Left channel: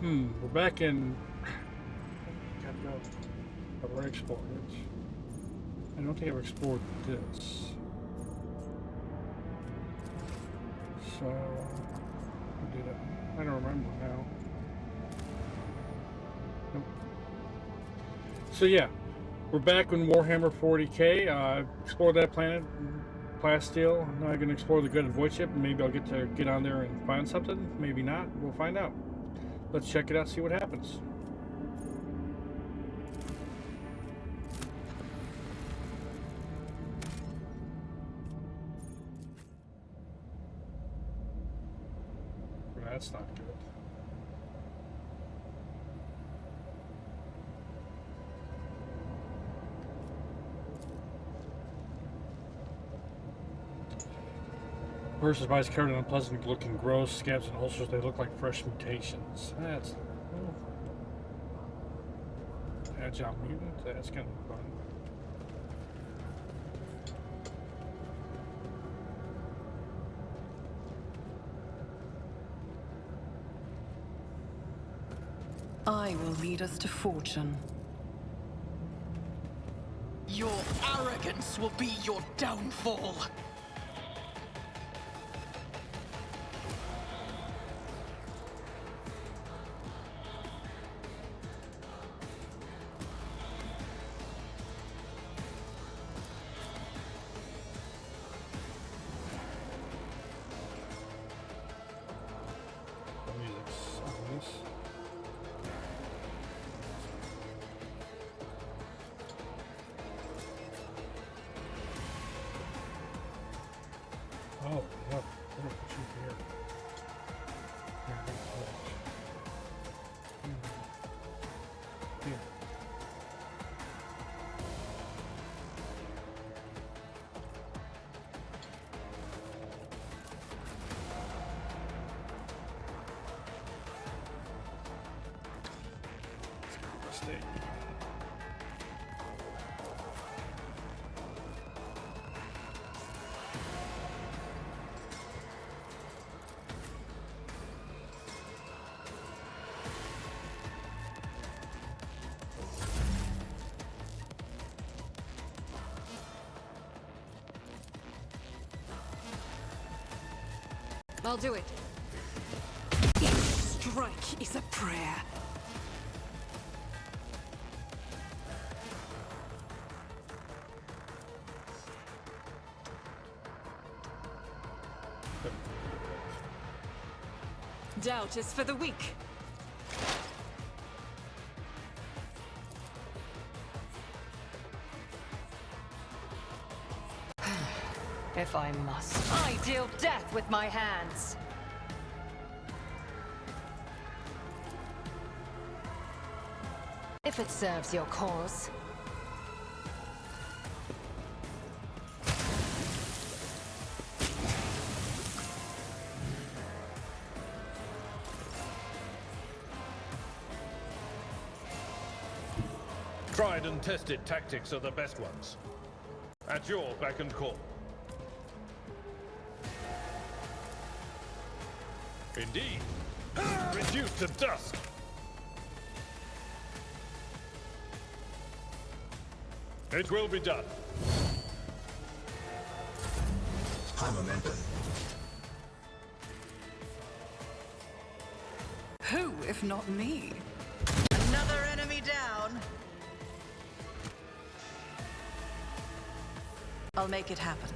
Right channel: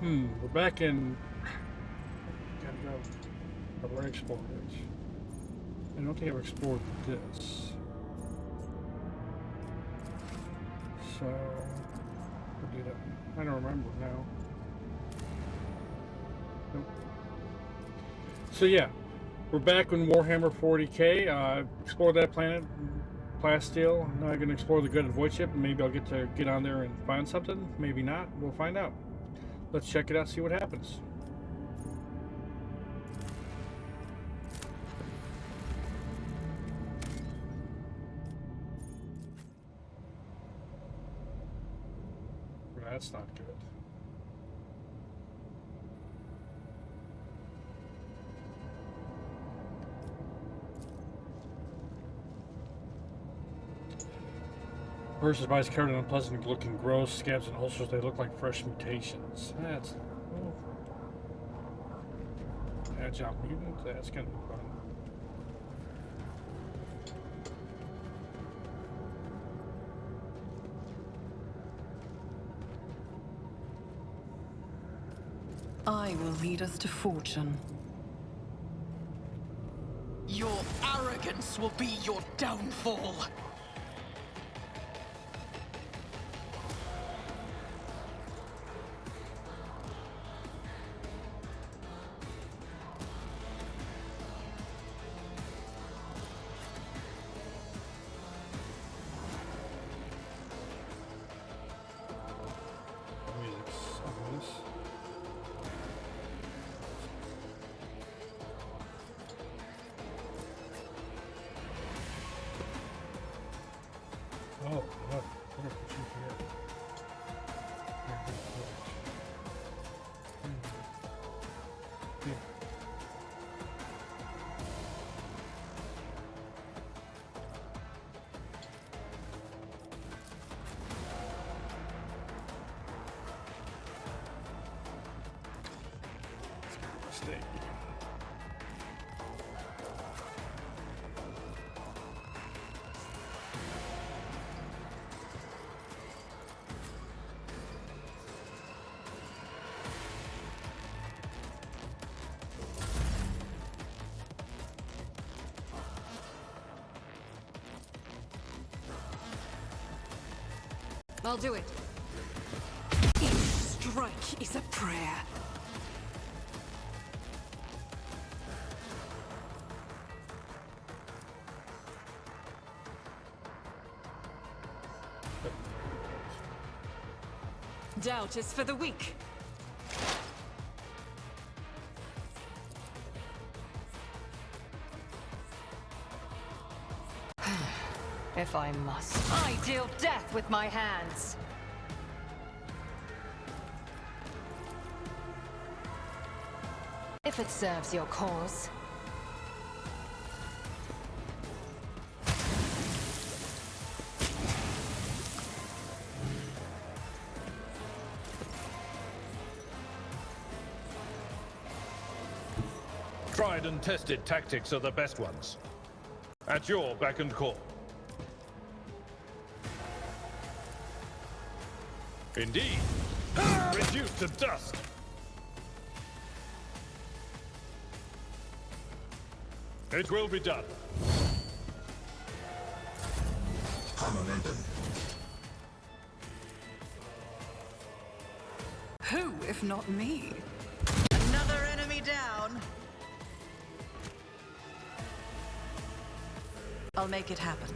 We're back in. Gotta go. I've already explored it. I don't think I've explored this. So, what did I don't remember now. Nope. So yeah, we're back in Warhammer 40K. Explored that planet, Plasteel. Now I'm gonna explore the Gutted Void Ship, and maybe I'll get to get on there and find something. Maybe not. We'll find out. Let's check it out. See what happens. That's not good. Versus bodies covered in unpleasant looking growths, scabs, and ulcers. They look like fresh mutations. That's agile mutant. That's gonna be fun. I will lead us to fortune. Your arrogance will be your downfall. The music's ominous. Oh, look, we're gonna put you here. Here, big torch. Here. Let's give it a mistake. I'll do it. Each strike is a prayer. Doubt is for the weak. If I must, I deal death with my hands. If it serves your cause. Tried and tested tactics are the best ones. At your beck and call. Indeed. Reduced to dust. It will be done. High momentum. Who, if not me? Another enemy down. I'll make it happen.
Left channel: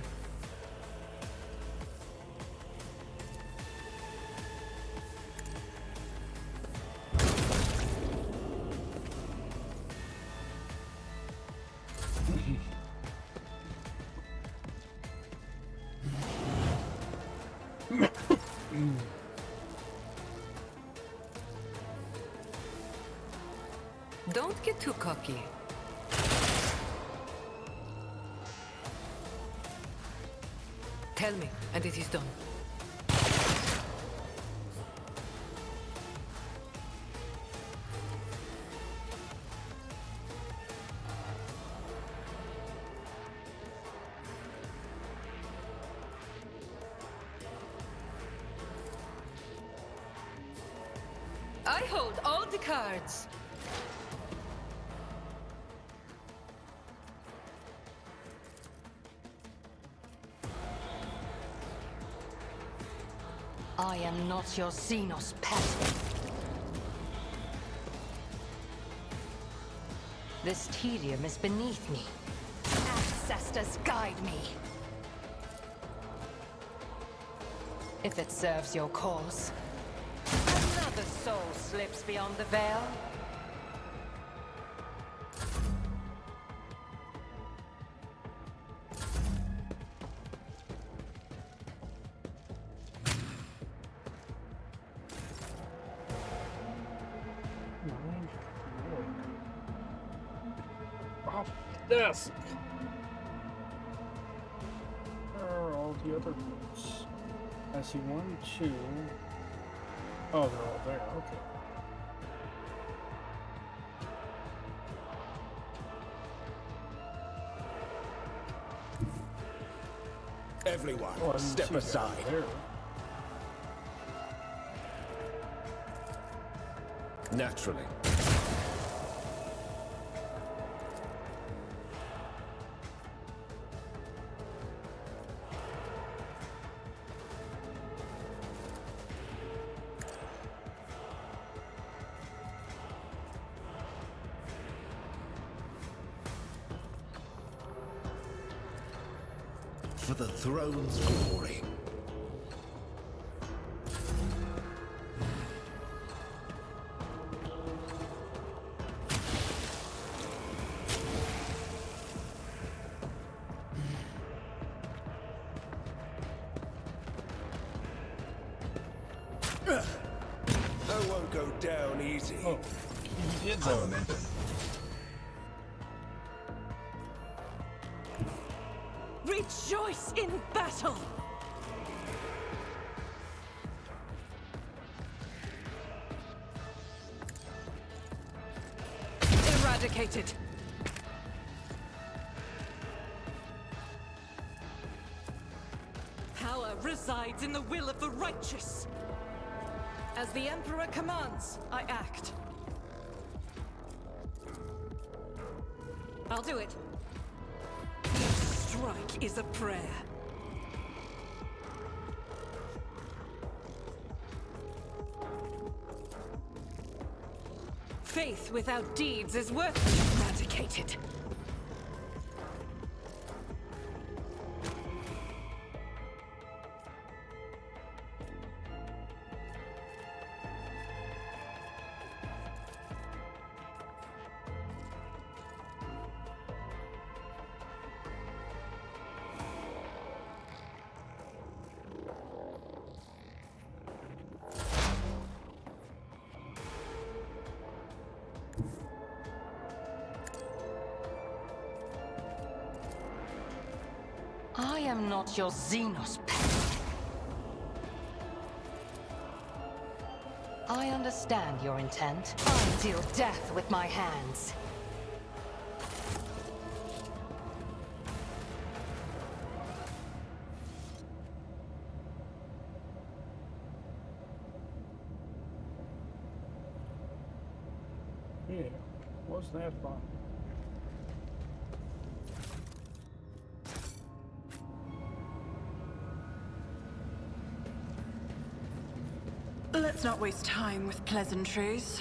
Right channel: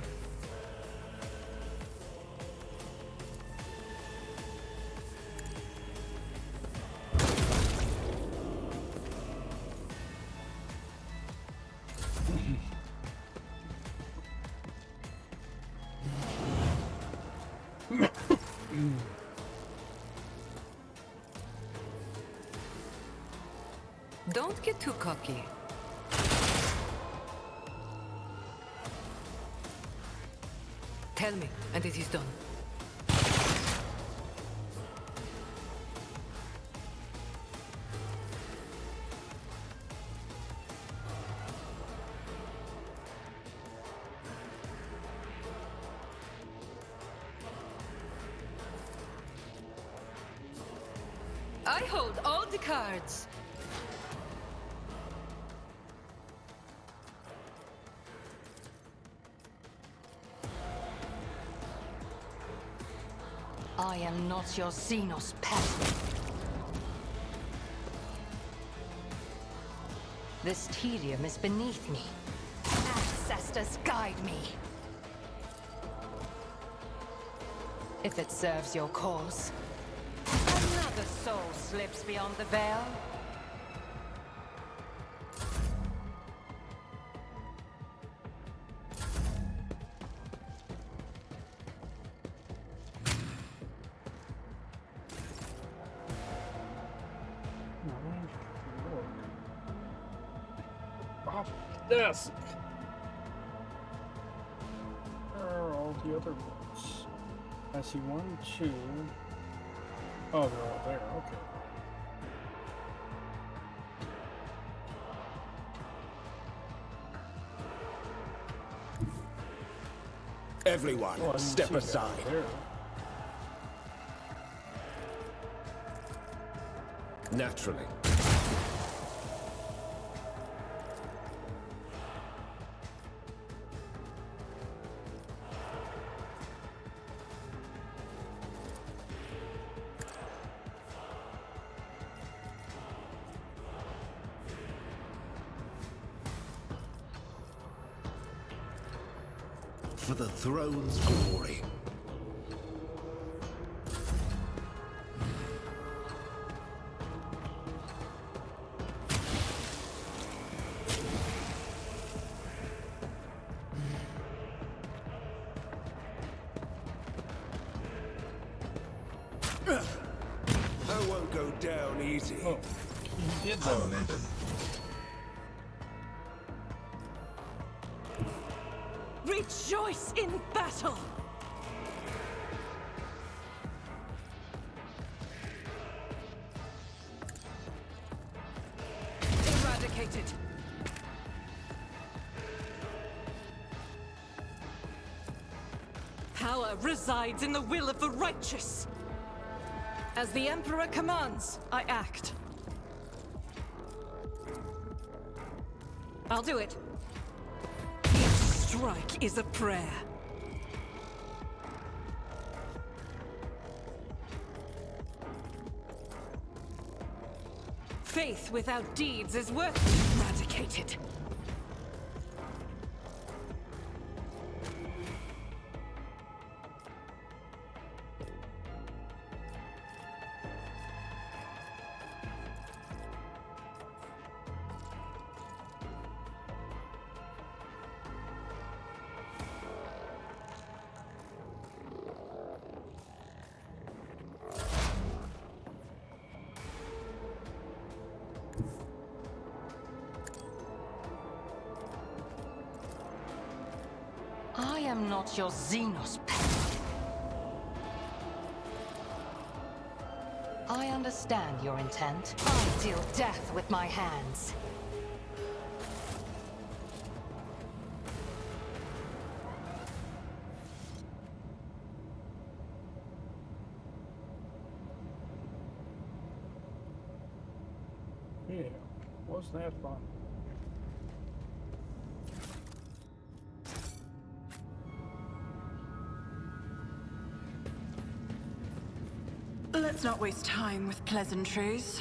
Don't get too cocky. Tell me, and it is done. I hold all the cards. I am not your Xenos pet. This tedium is beneath me. Ancestors guide me. If it serves your cause. Another soul slips beyond the veil. Off the desk. Where are all the other books? I see 1, 2. Oh, they're all there. Okay. Everyone, Oh, I didn't step see that aside. there. Naturally. For the throne's glory. I won't go down easy. Oh, he did High though. momentum. Rejoice in battle! Eradicated. Power resides in the will of the righteous. As the Emperor commands, I act. I'll do it. Each strike is a prayer. Faith without deeds is worth eradicated. I am not your Xenos pet. I understand your intent. I deal death with my hands. Yeah, wasn't that fun? Let's not waste time with pleasantries.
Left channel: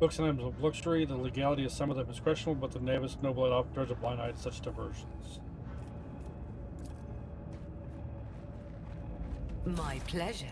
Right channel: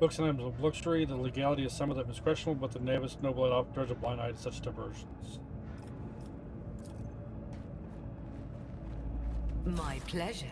Books and items of luxury, the legality of some of them is questionable, but the Navis Noble often turns a blind eye to such diversions. My pleasure.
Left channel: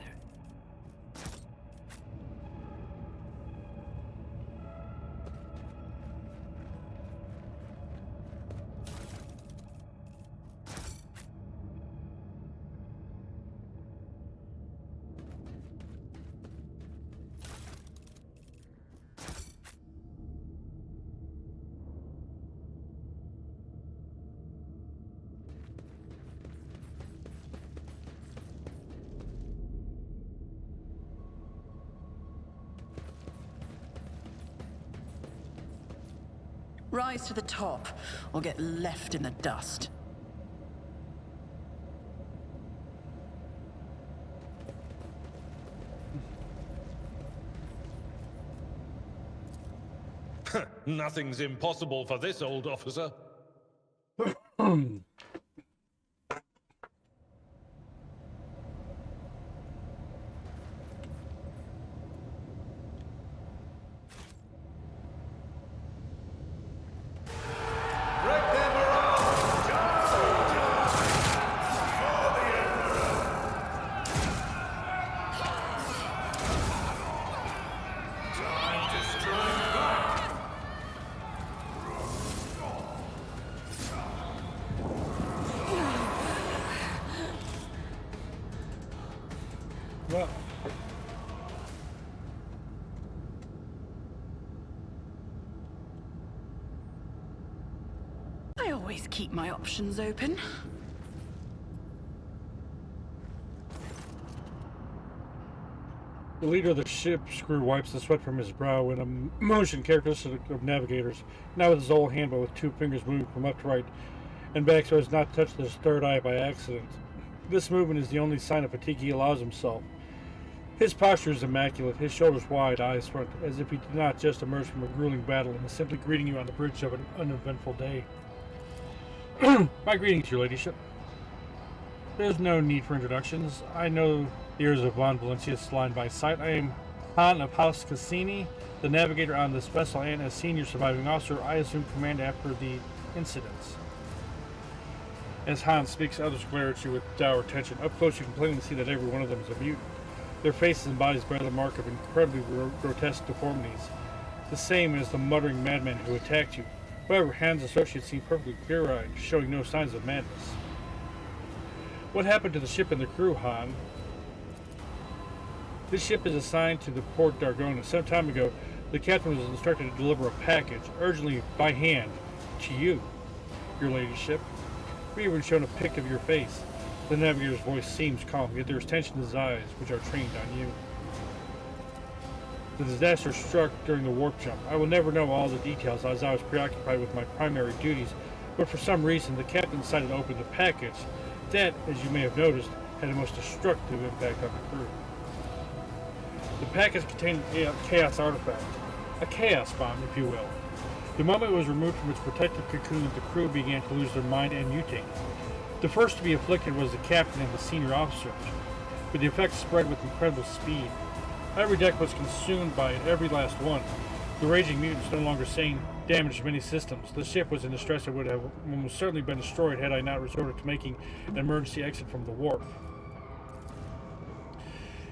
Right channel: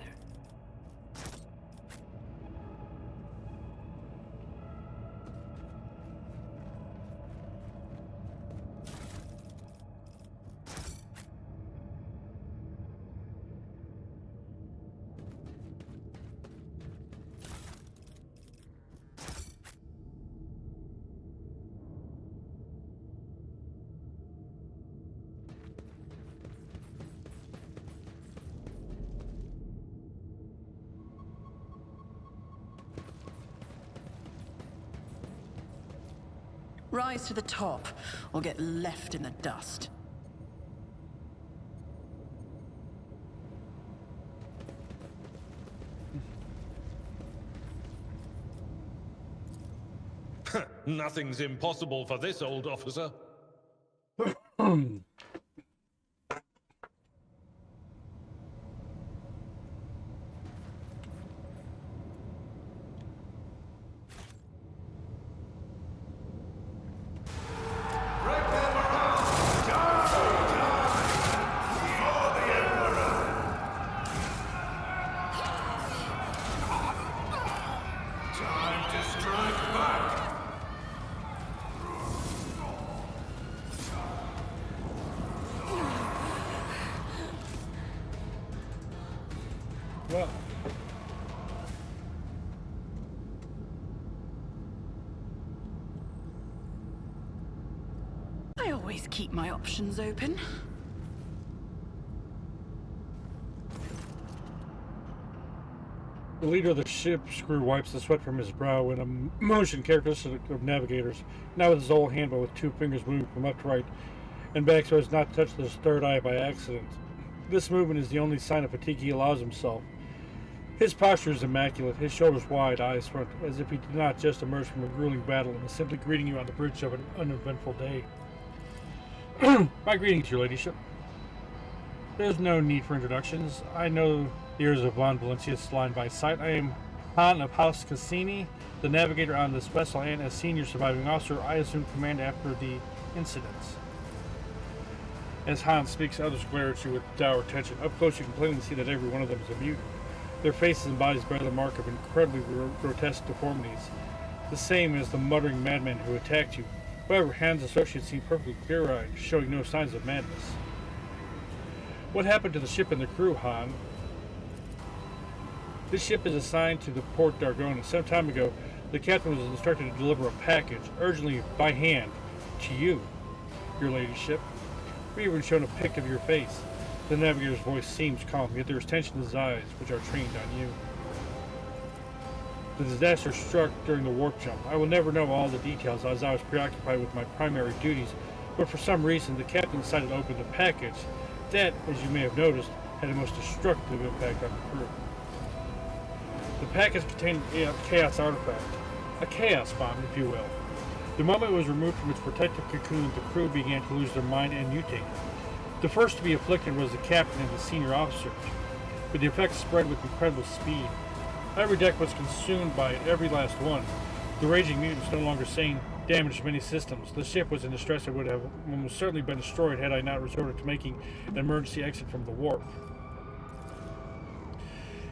Rise to the top, or get left in the dust. Nothing's impossible for this old officer. Break them around! Die! For the Emperor! Time to strike back! Well, I always keep my options open. the leader of the ship's crew wipes the sweat from his brow in a motion characteristic of navigators, not with his whole hand, but with two fingers moving from left to right and back so as not to touch his third eye by accident. This movement is the only sign of fatigue he allows himself. His posture is immaculate, his shoulders wide, eyes front, as if he did not just emerge from a grueling battle and is simply greeting you on the bridge of an uneventful day. My greetings, your ladyship. There's no need for introductions. I know the ears of Von Valencius line by sight. I am Han of House Cassini, the navigator on this vessel, and as senior surviving officer, I assume command after the incidents. As Han speaks, others glare at you with dour attention. Up close, you can plainly see that every one of them is a mutant. Their faces and bodies bear the mark of incredibly grotesque deformities, the same as the muttering madman who attacked you. However, Han's associates seem perfectly clear-eyed, showing no signs of madness. What happened to the ship and the crew, Han? This ship is assigned to the Port d'Argona. Some time ago, the captain was instructed to deliver a package, urgently by hand, to you, your ladyship. We even shown a pic of your face. The navigator's voice seems calm, yet there is tension in his eyes, which are trained on you. The disaster struck during the warp jump. I will never know all the details as I was preoccupied with my primary duties, but for some reason the captain decided to open the package. That, as you may have noticed, had a most destructive impact on the crew. The package contained a chaos artifact, a chaos bomb, if you will. The moment it was removed from its protective cocoon, the crew began to lose their mind and mutate. The first to be afflicted was the captain and the senior officers, but the effects spread with incredible speed. Every deck was consumed by it, every last one. The raging mutants no longer saying damaged many systems. The ship was in distress and would have almost certainly been destroyed had I not resorted to making an emergency exit from the warp.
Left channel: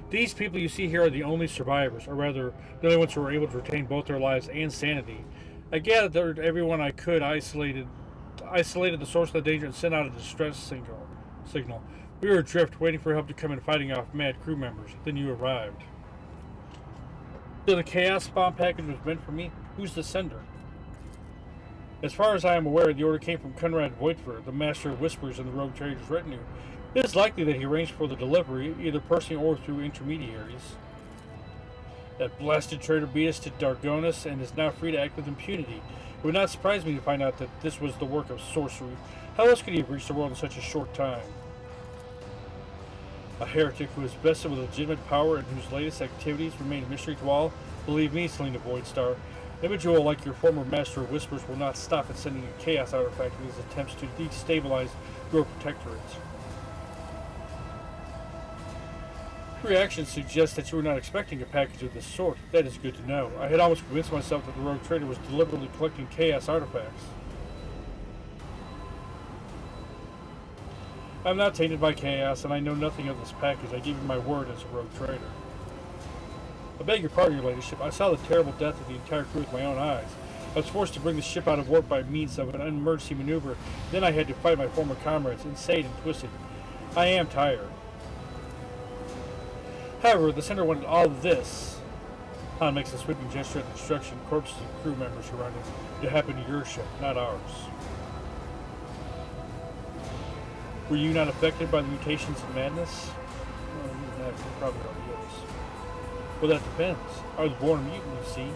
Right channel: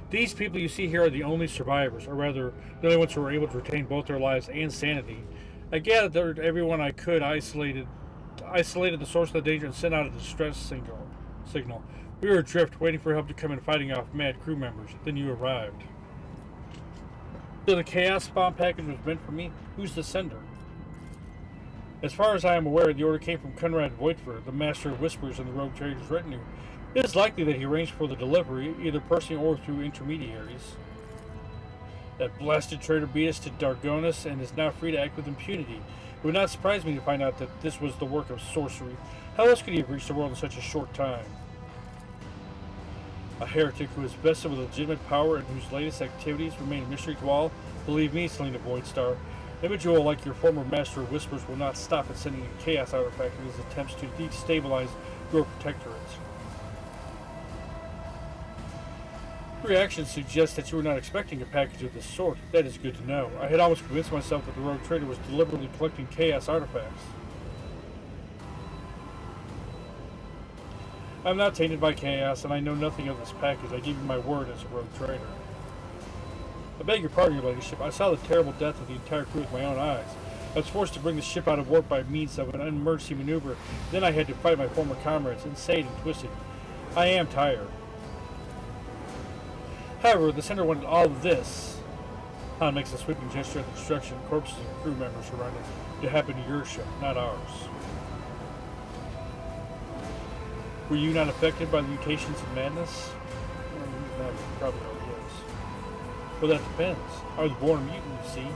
These people you see here are the only survivors, or rather, the only ones who were able to retain both their lives and sanity. I gathered everyone I could, isolated the source of the danger, and sent out a distress signal. We were adrift, waiting for help to come in, fighting off mad crew members. Then you arrived. So the Chaos Bomb package was meant for me? Who's the sender? As far as I am aware, the order came from Conrad Voigtver, the Master of Whispers in the Rogue Trader's retinue. It is likely that he arranged for the delivery, either personally or through intermediaries. That blasted traitor beat us to Dargonis and is now free to act with impunity. It would not surprise me to find out that this was the work of sorcery. How else could he have reached the world in such a short time? A heretic who is vested with legitimate power and whose latest activities remain a mystery to all? Believe me, Selena Voidstar, an individual like your former Master of Whispers will not stop at sending a chaos artifact in his attempts to destabilize your protectorate. reaction suggests that you were not expecting a package of this sort. That is good to know. I had almost convinced myself that the rogue trader was deliberately collecting chaos artifacts. I'm not tainted by chaos, and I know nothing of this package. I give you my word as a rogue trader. I beg your pardon, your ladyship. I saw the terrible death of the entire crew with my own eyes. I was forced to bring the ship out of warp by means of an emergency maneuver. Then I had to fight my former comrades, insane and twisted. I am tired. However, the Senator wanted all of this. Han makes a sweeping gesture at the destruction of corpses of crew members who surrounded to happen to your ship, not ours. Were you not affected by the mutations and madness? Well, he's mad, he probably already is. Well, that depends. I was born a mutant, you see.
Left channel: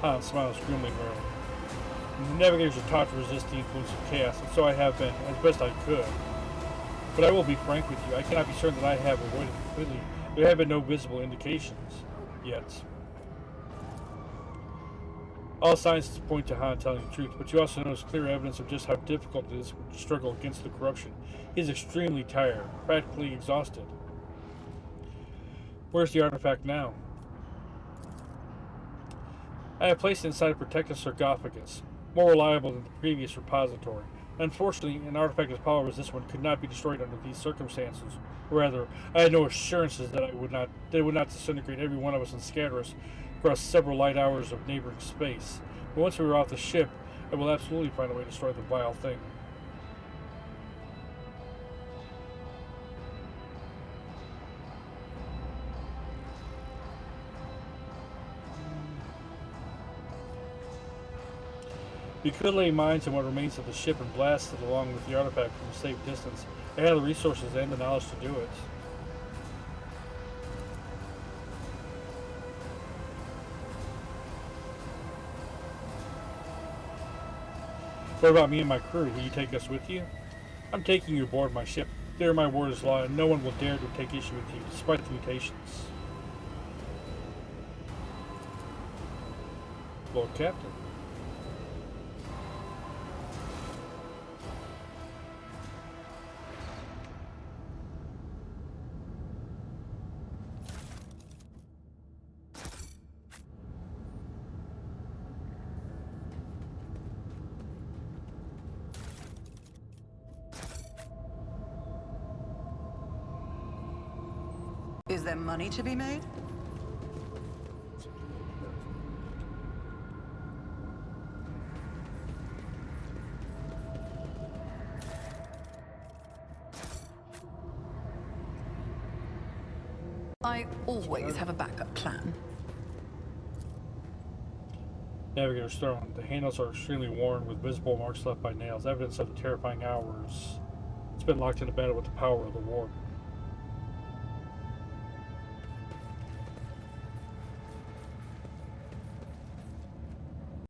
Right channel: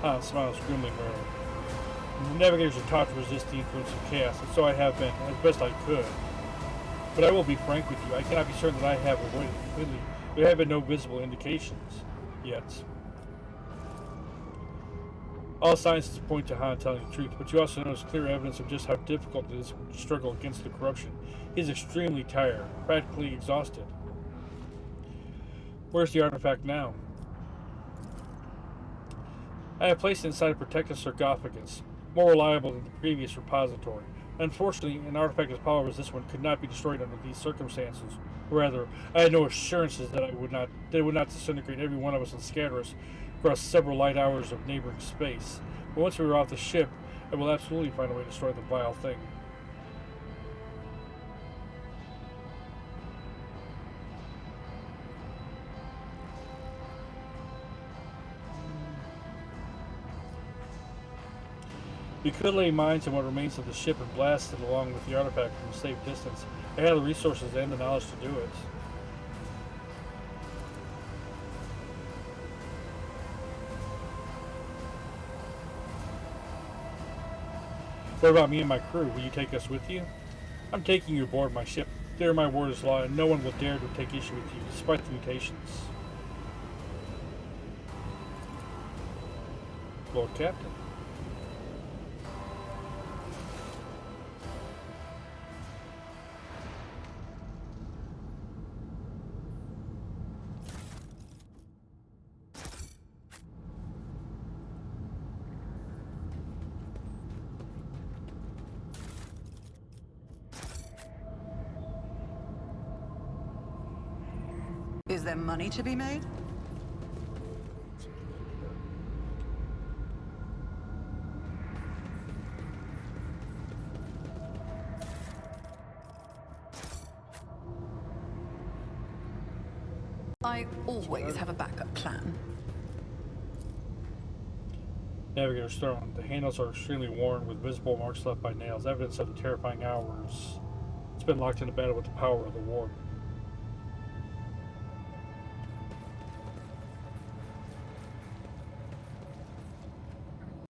Han smiles grimly and merrily. Navigators are taught to resist the influence of chaos, and so I have been, as best I could. But I will be frank with you, I cannot be certain that I have avoided it completely. There have been no visible indications yet. All signs point to Han telling the truth, but you also notice clear evidence of just how difficult it is to struggle against the corruption. He is extremely tired, practically exhausted. Where's the artifact now? I have placed it inside a protective sarcophagus, more reliable than the previous repository. Unfortunately, an artifact as powerful as this one could not be destroyed under these circumstances. Rather, I had no assurances that it would not disintegrate every one of us and scatter us across several light hours of neighboring space. But once we are off the ship, I will absolutely find a way to destroy the vile thing. We could lay mines in what remains of the ship and blast it along with the artifact from a safe distance. I have the resources and the knowledge to do it. What about me and my crew? Will you take us with you? I'm taking you aboard my ship. There my word is law, and no one will dare to take issue with you, despite the mutations. Lord Captain. Is there money to be made? I always have a backup plan. Navigator's throne. The handles are extremely worn with visible marks left by nails, evidence of the terrifying hours. It's been locked in a battle with the power of the warp.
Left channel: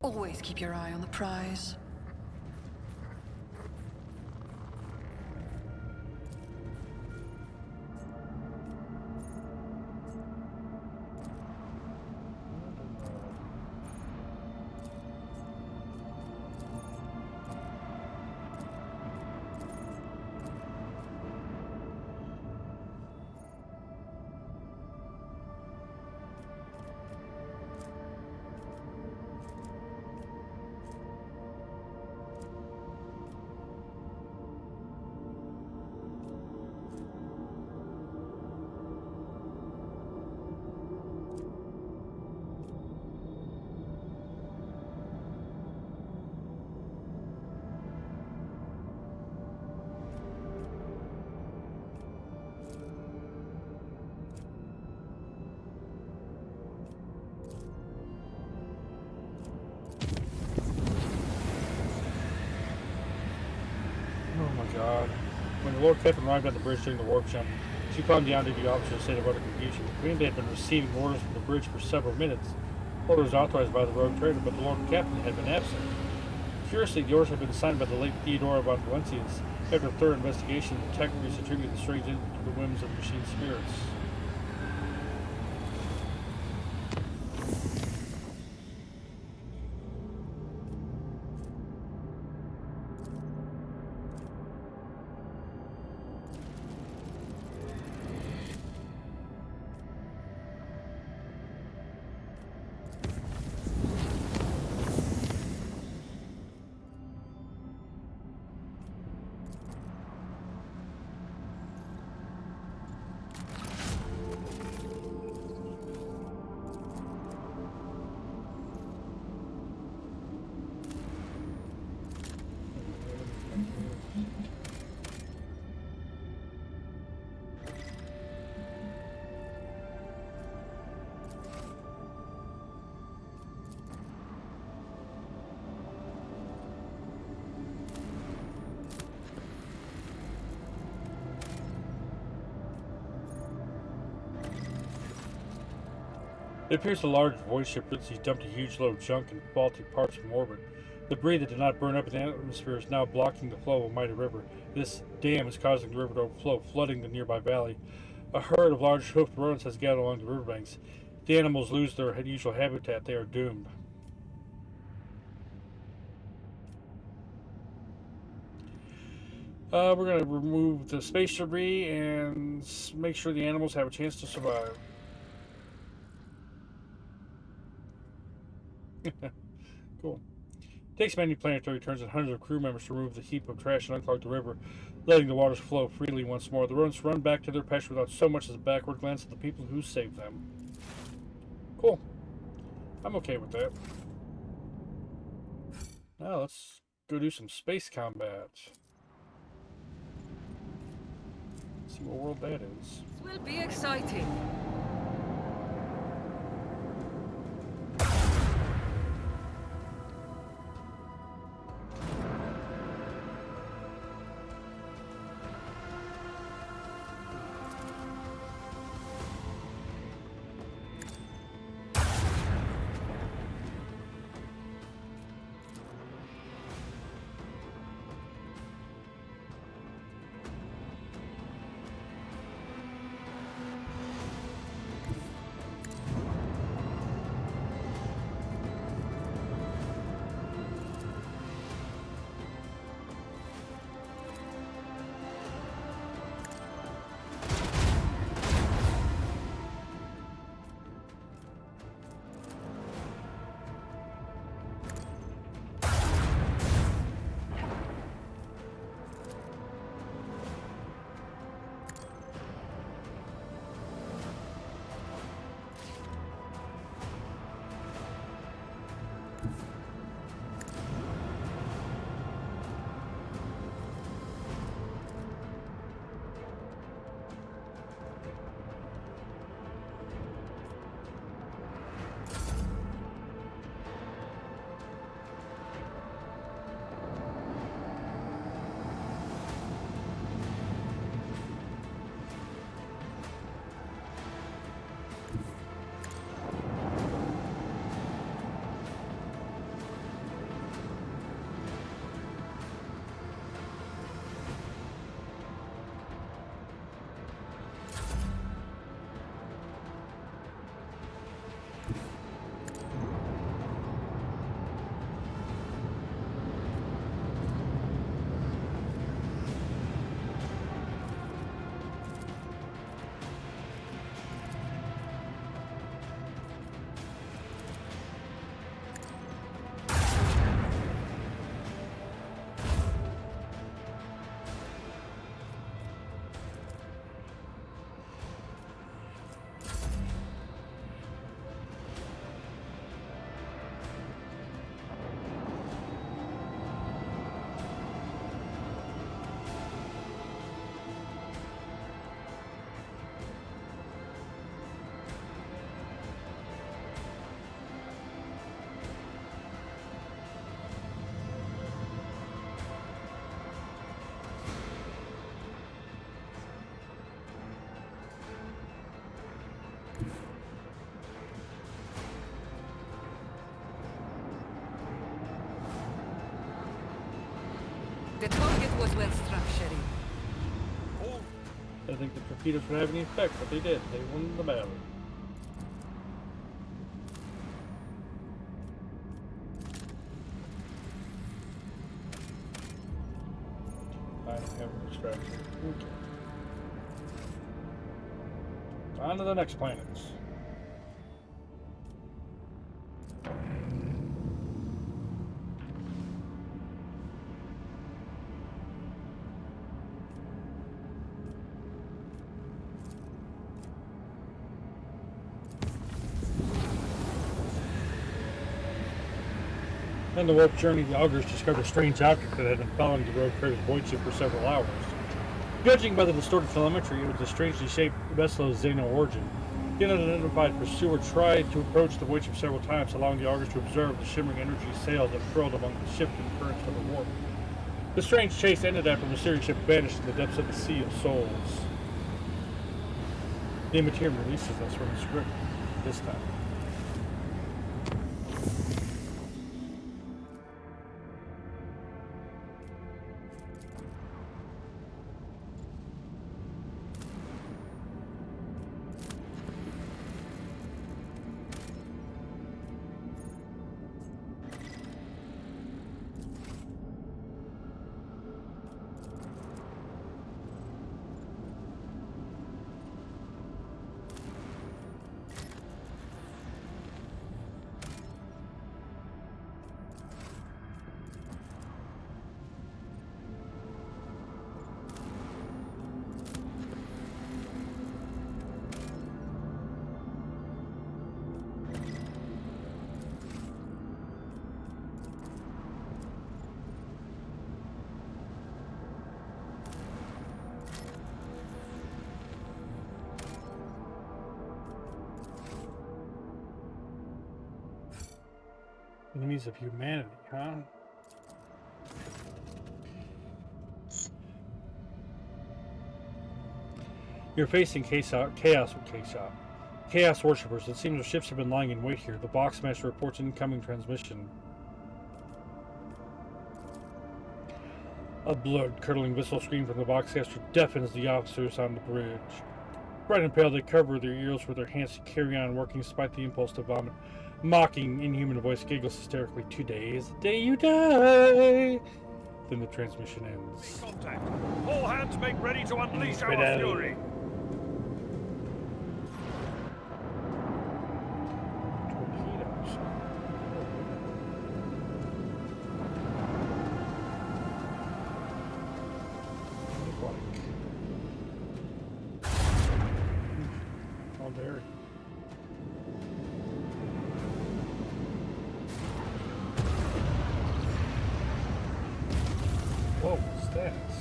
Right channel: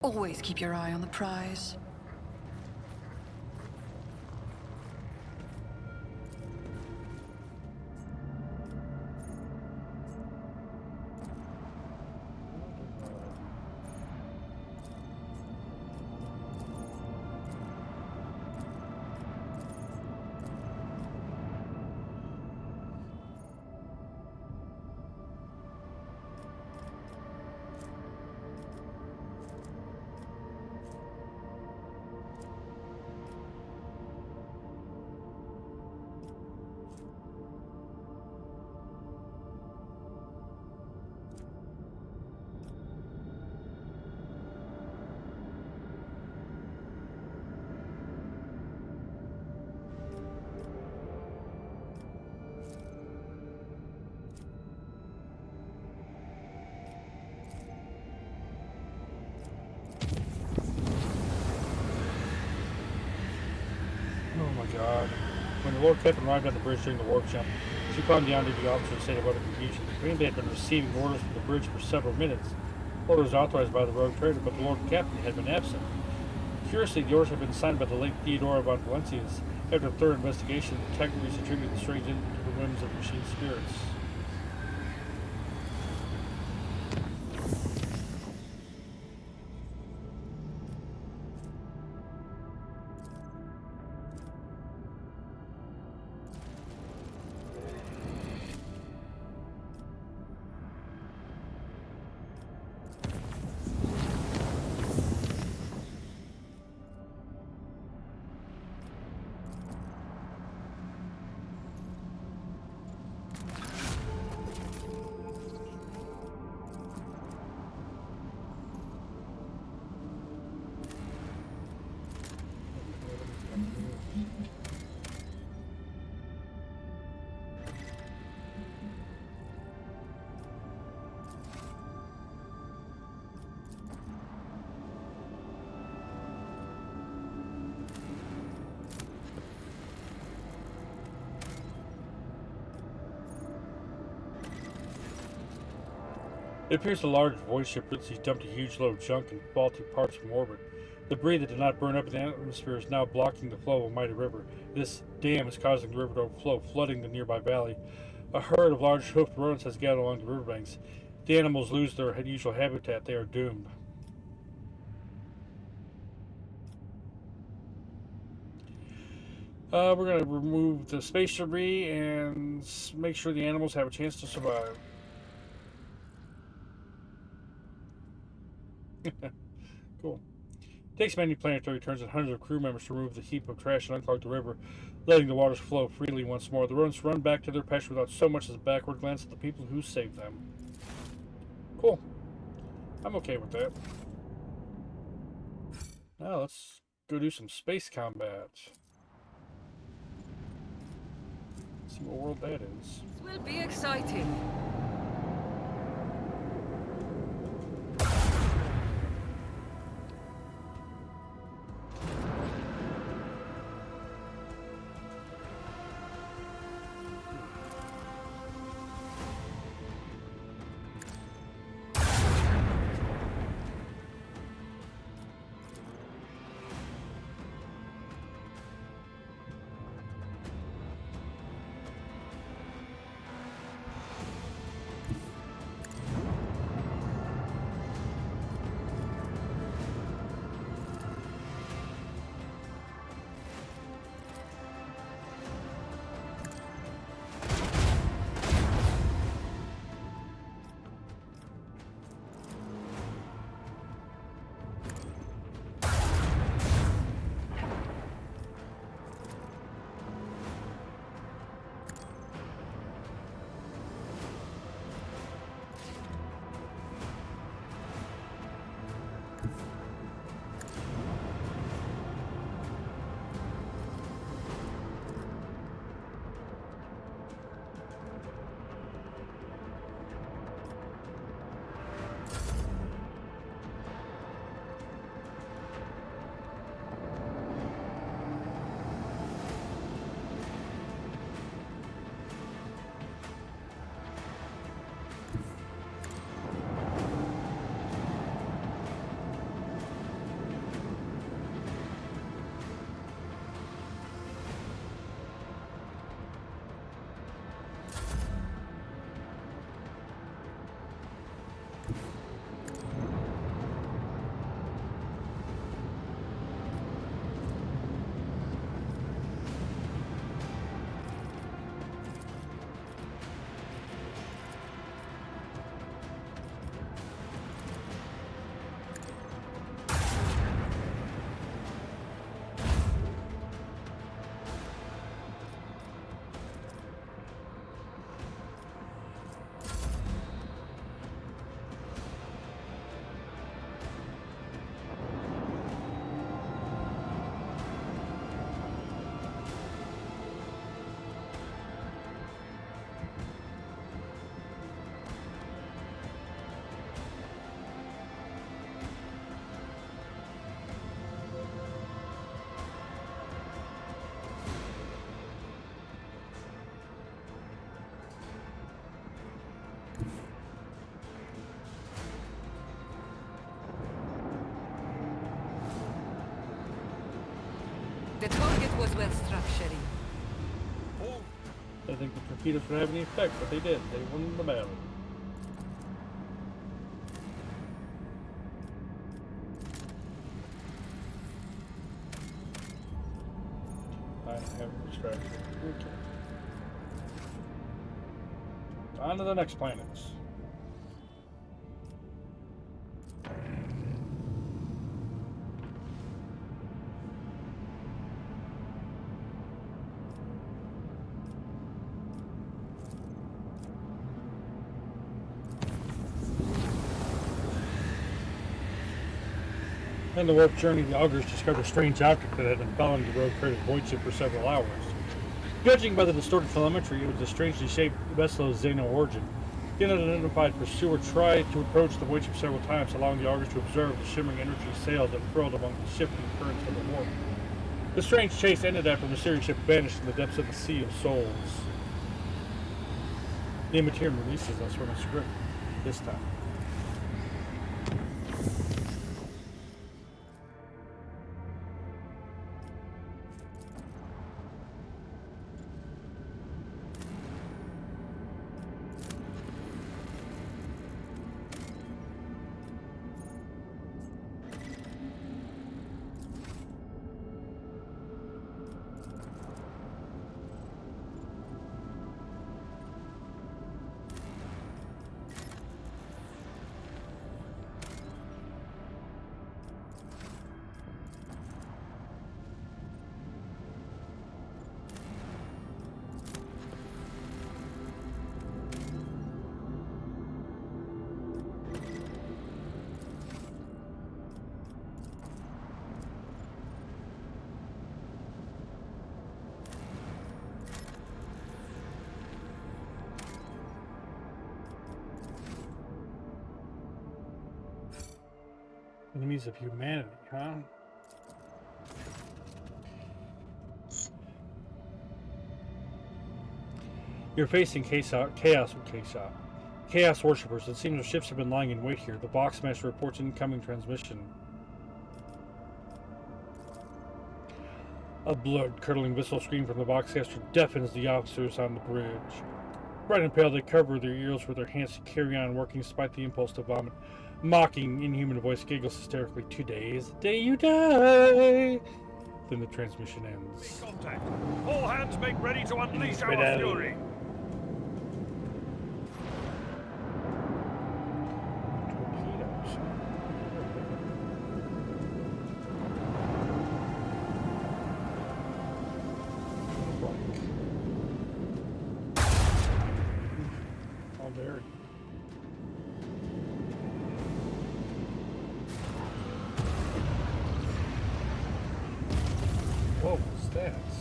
Always keep your eye on the prize. Oh my god. When the Lord Captain arrived on the bridge during the warp jump, she calmed down to the officer in a state of utter confusion. The Green Bay had been receiving orders from the bridge for several minutes. Orders authorized by the rogue trader, but the Lord Captain had been absent. Curiously, the orders had been signed by the late Theodora von Valencius. After a thorough investigation, the detectives attributed the strange incident to the whims of machine spirits. It appears a large void ship recently dumped a huge load of junk and faulty parts from orbit. Debris that did not burn up in the atmosphere is now blocking the flow of a mighty river. This dam is causing the river to overflow, flooding the nearby valley. A herd of large hoofed rodents has gathered along the riverbanks. If the animals lose their usual habitat, they are doomed. We're going to remove the space debris and make sure the animals have a chance to survive. Cool. It takes many planetary turns and hundreds of crew members to remove the heap of trash and unclog the river, letting the waters flow freely once more. The rodents run back to their pasture without so much as a backward glance at the people who saved them. Cool. I'm okay with that. Now let's go do some space combat. See what world that is. This will be exciting. The target was well struck, Sherry. I think the torpedoes would have any effect, but they did. They won the battle. I don't have an extraction. Okay. On to the next planets. On the warp journey, the augurs discovered a strange object that had been following the road crater's void ship for several hours. Judging by the distorted telemetry, it was a strangely shaped vessel of Xeno origin. The unidentified pursuer tried to approach the void ship several times, allowing the augurs to observe the shimmering energy sails that furled among the shifting currents of the warp. The strange chase ended after the mysterious ship vanished in the depths of the Sea of Souls. The Immaterium releases us from its grip this time. Enemies of humanity, huh? You're facing chaos worshippers. It seems the ships have been lying in wait here. The Boxmaster reports incoming transmission. A blood-curdling whistle scream from the Boxmaster deafens the officers on the bridge. Bright and pale, they cover their ears with their hands to carry on working despite the impulse to vomit. Mocking, inhuman voice giggles hysterically. Today is the day you die. Then the transmission ends. Contact. All hands make ready to unleash our fury. Torpedoes. How dare you? Whoa, stats.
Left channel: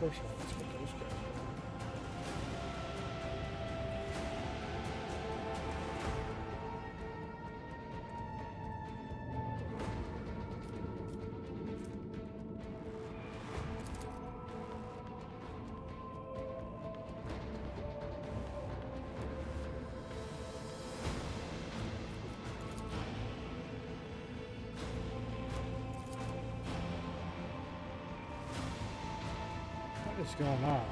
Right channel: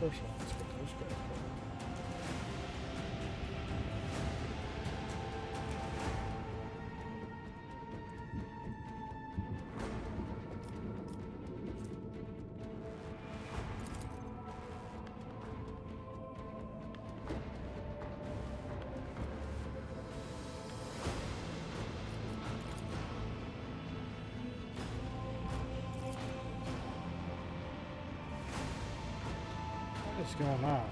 First of all, let's put those guys on. What is going on?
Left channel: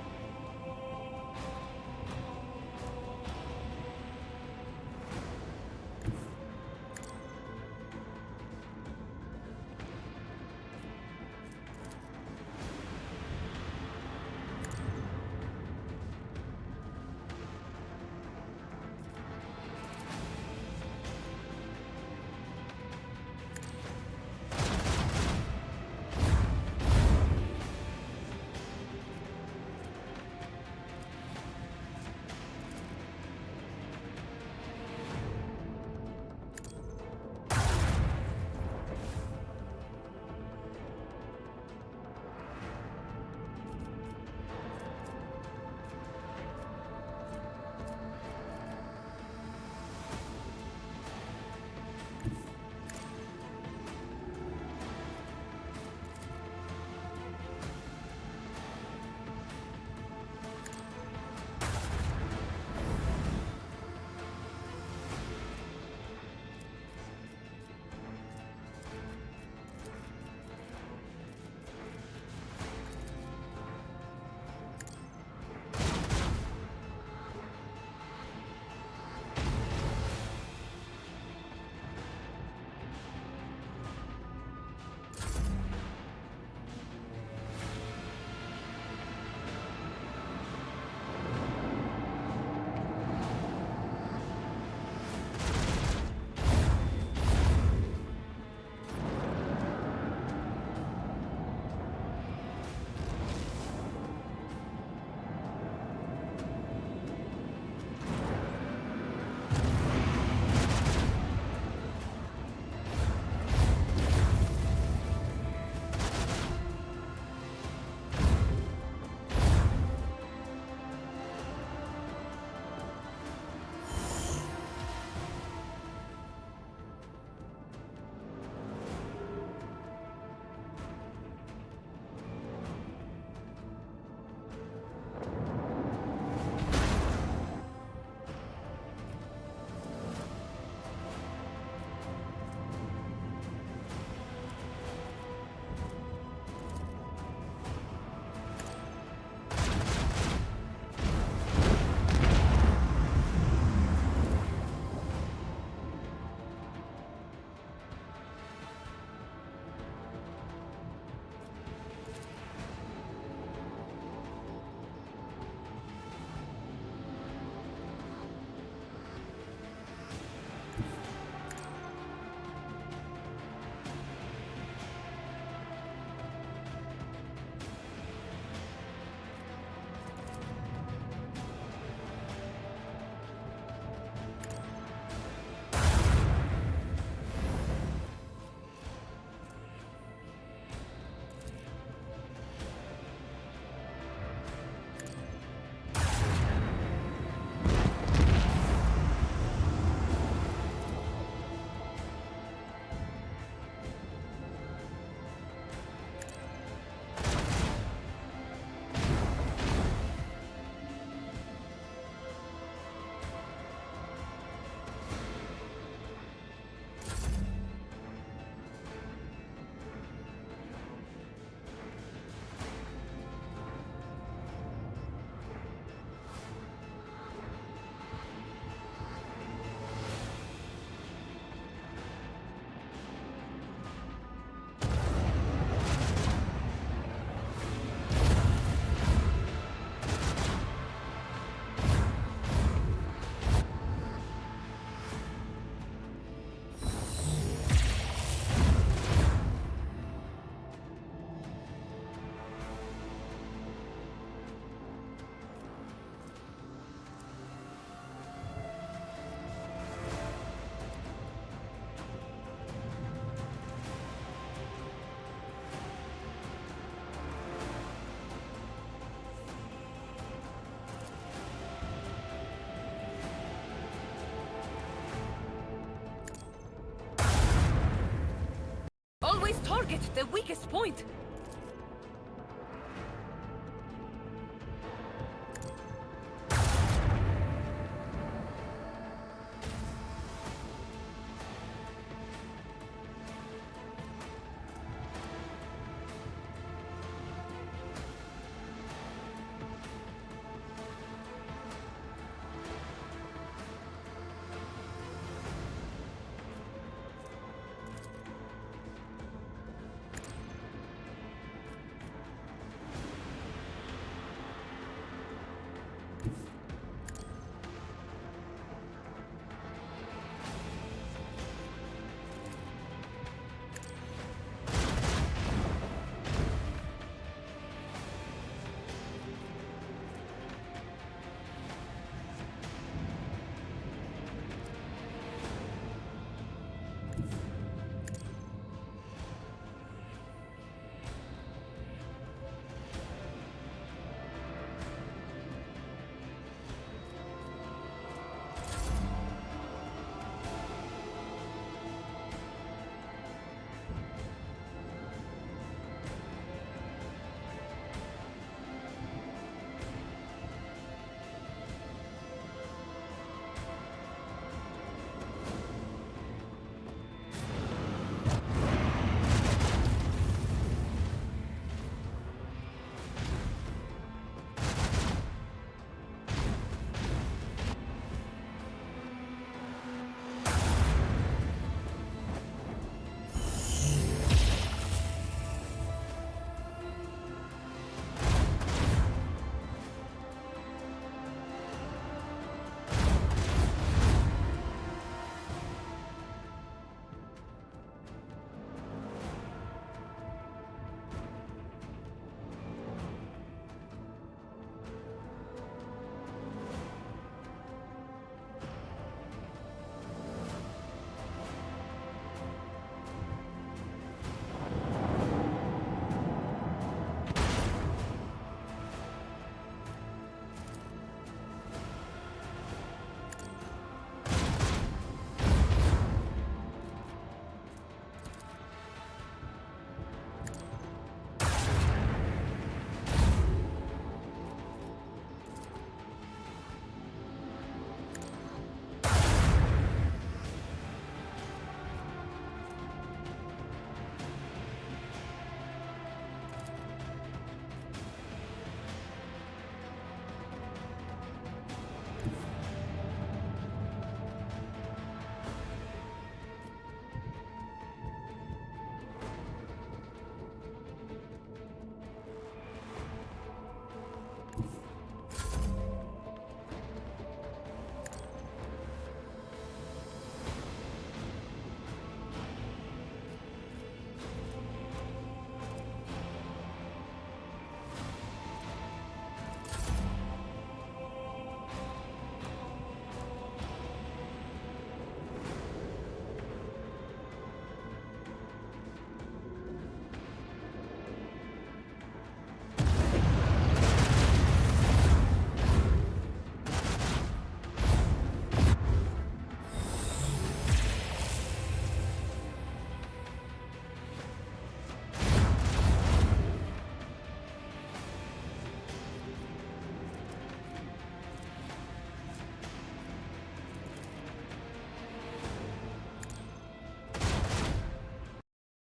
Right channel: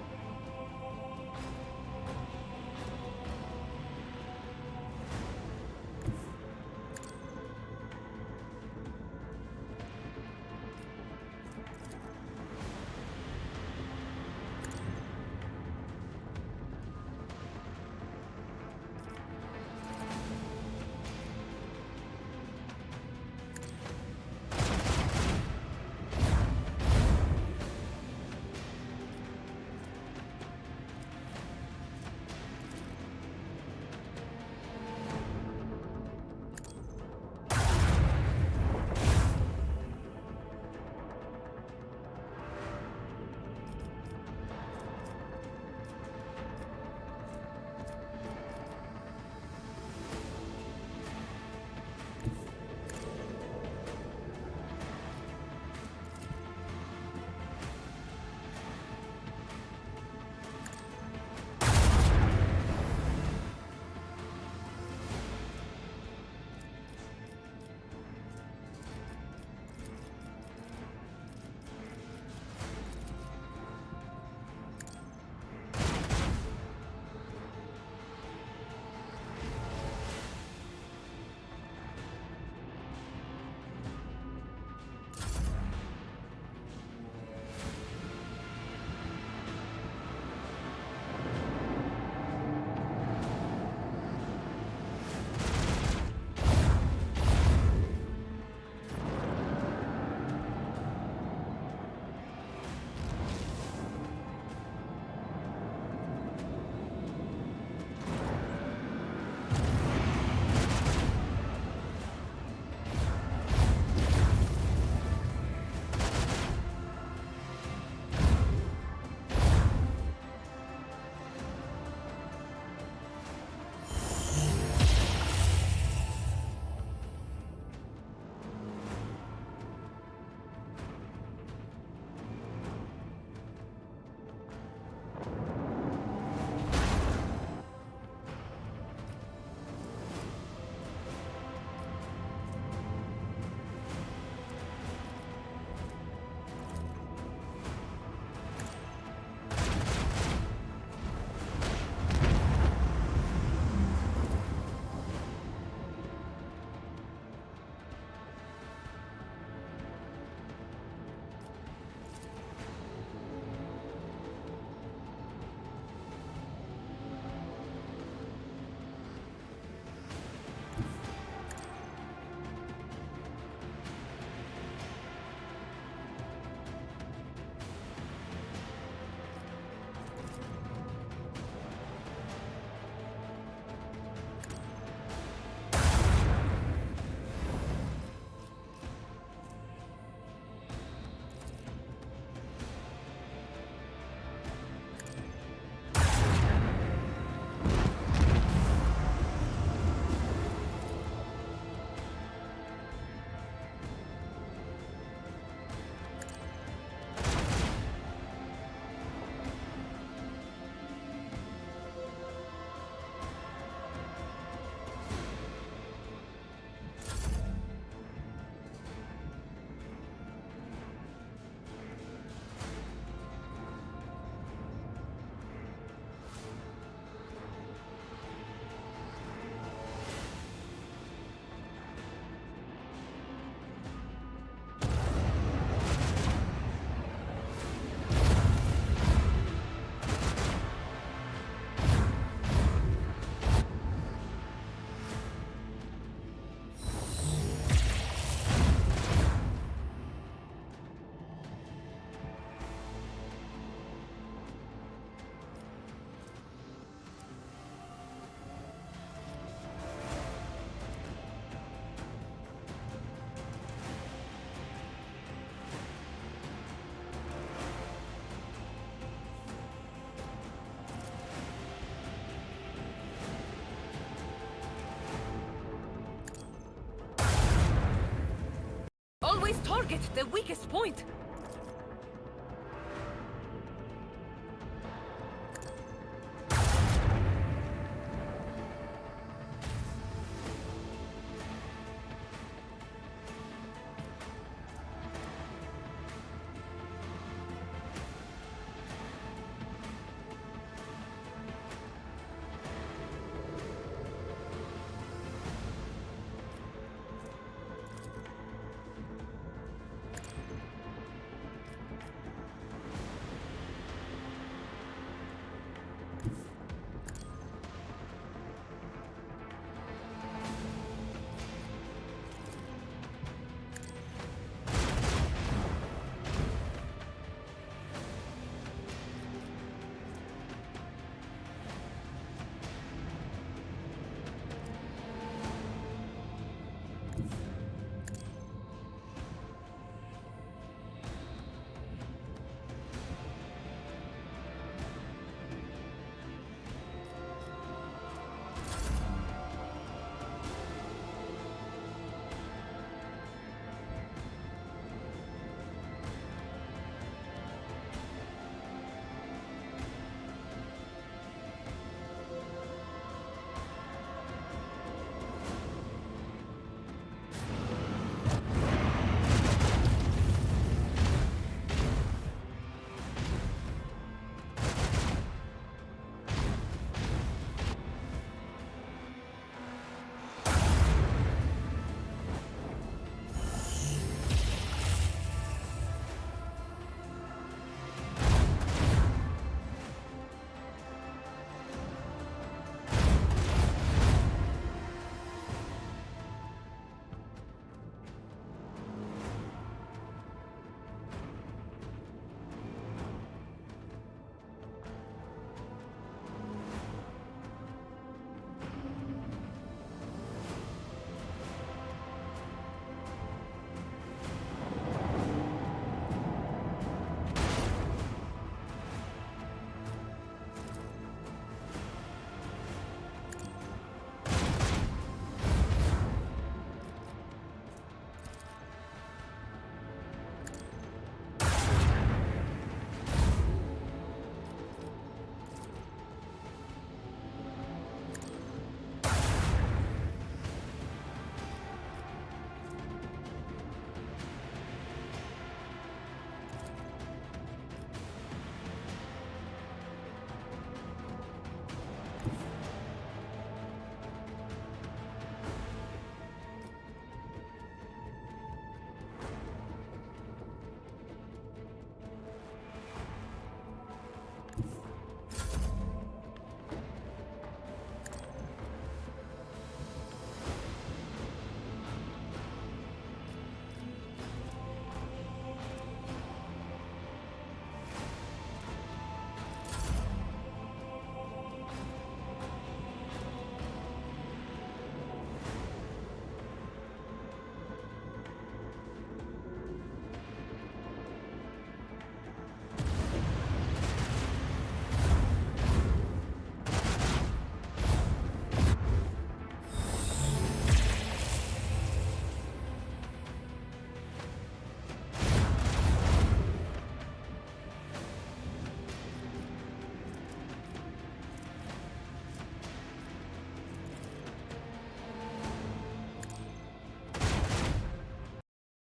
target the weakest point.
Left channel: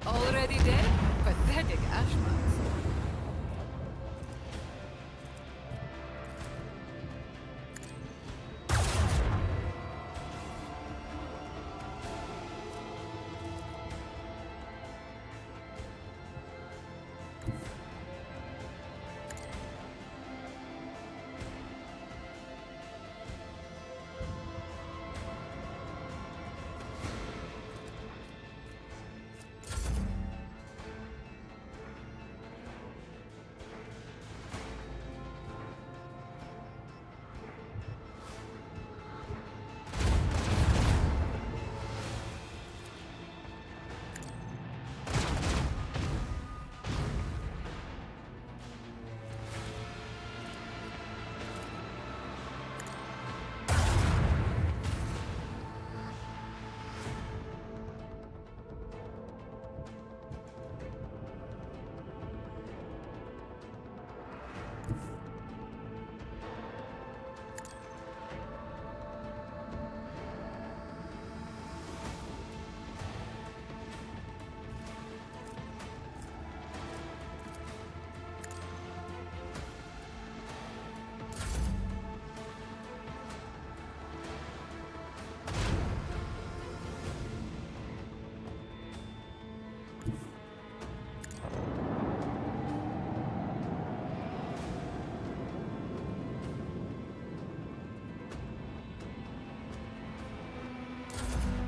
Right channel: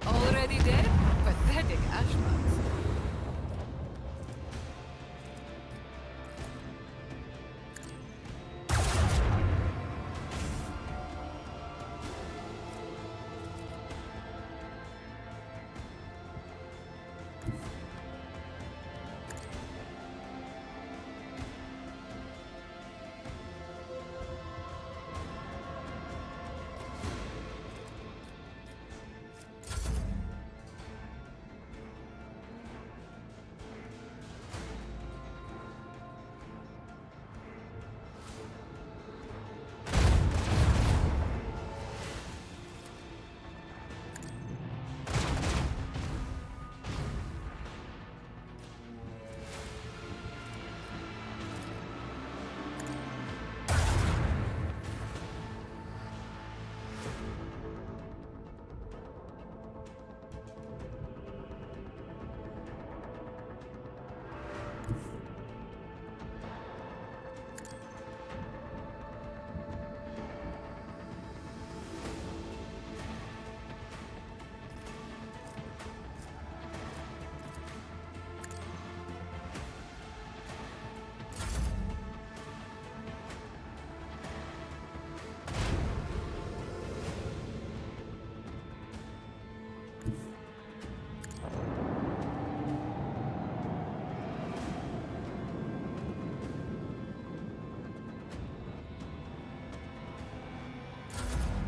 Already dead? Pathetic ashmans.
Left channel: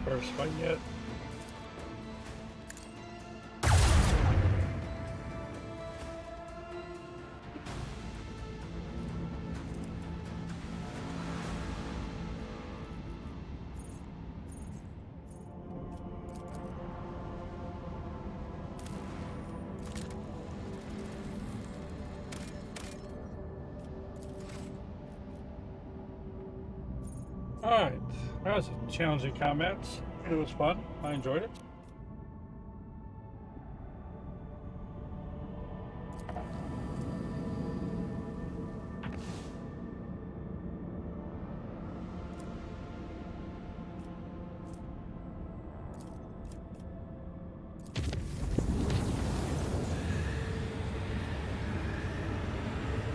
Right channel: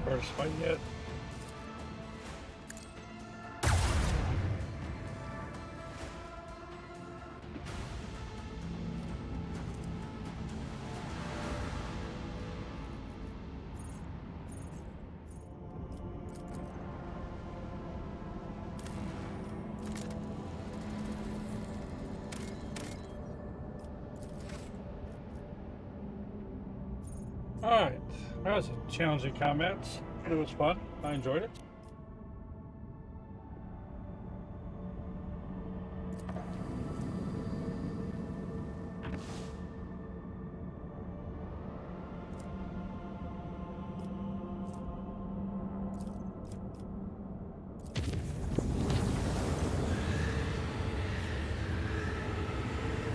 Hardest fight yet. Alright, that was a challenging combat, but it was fun. I enjoyed it.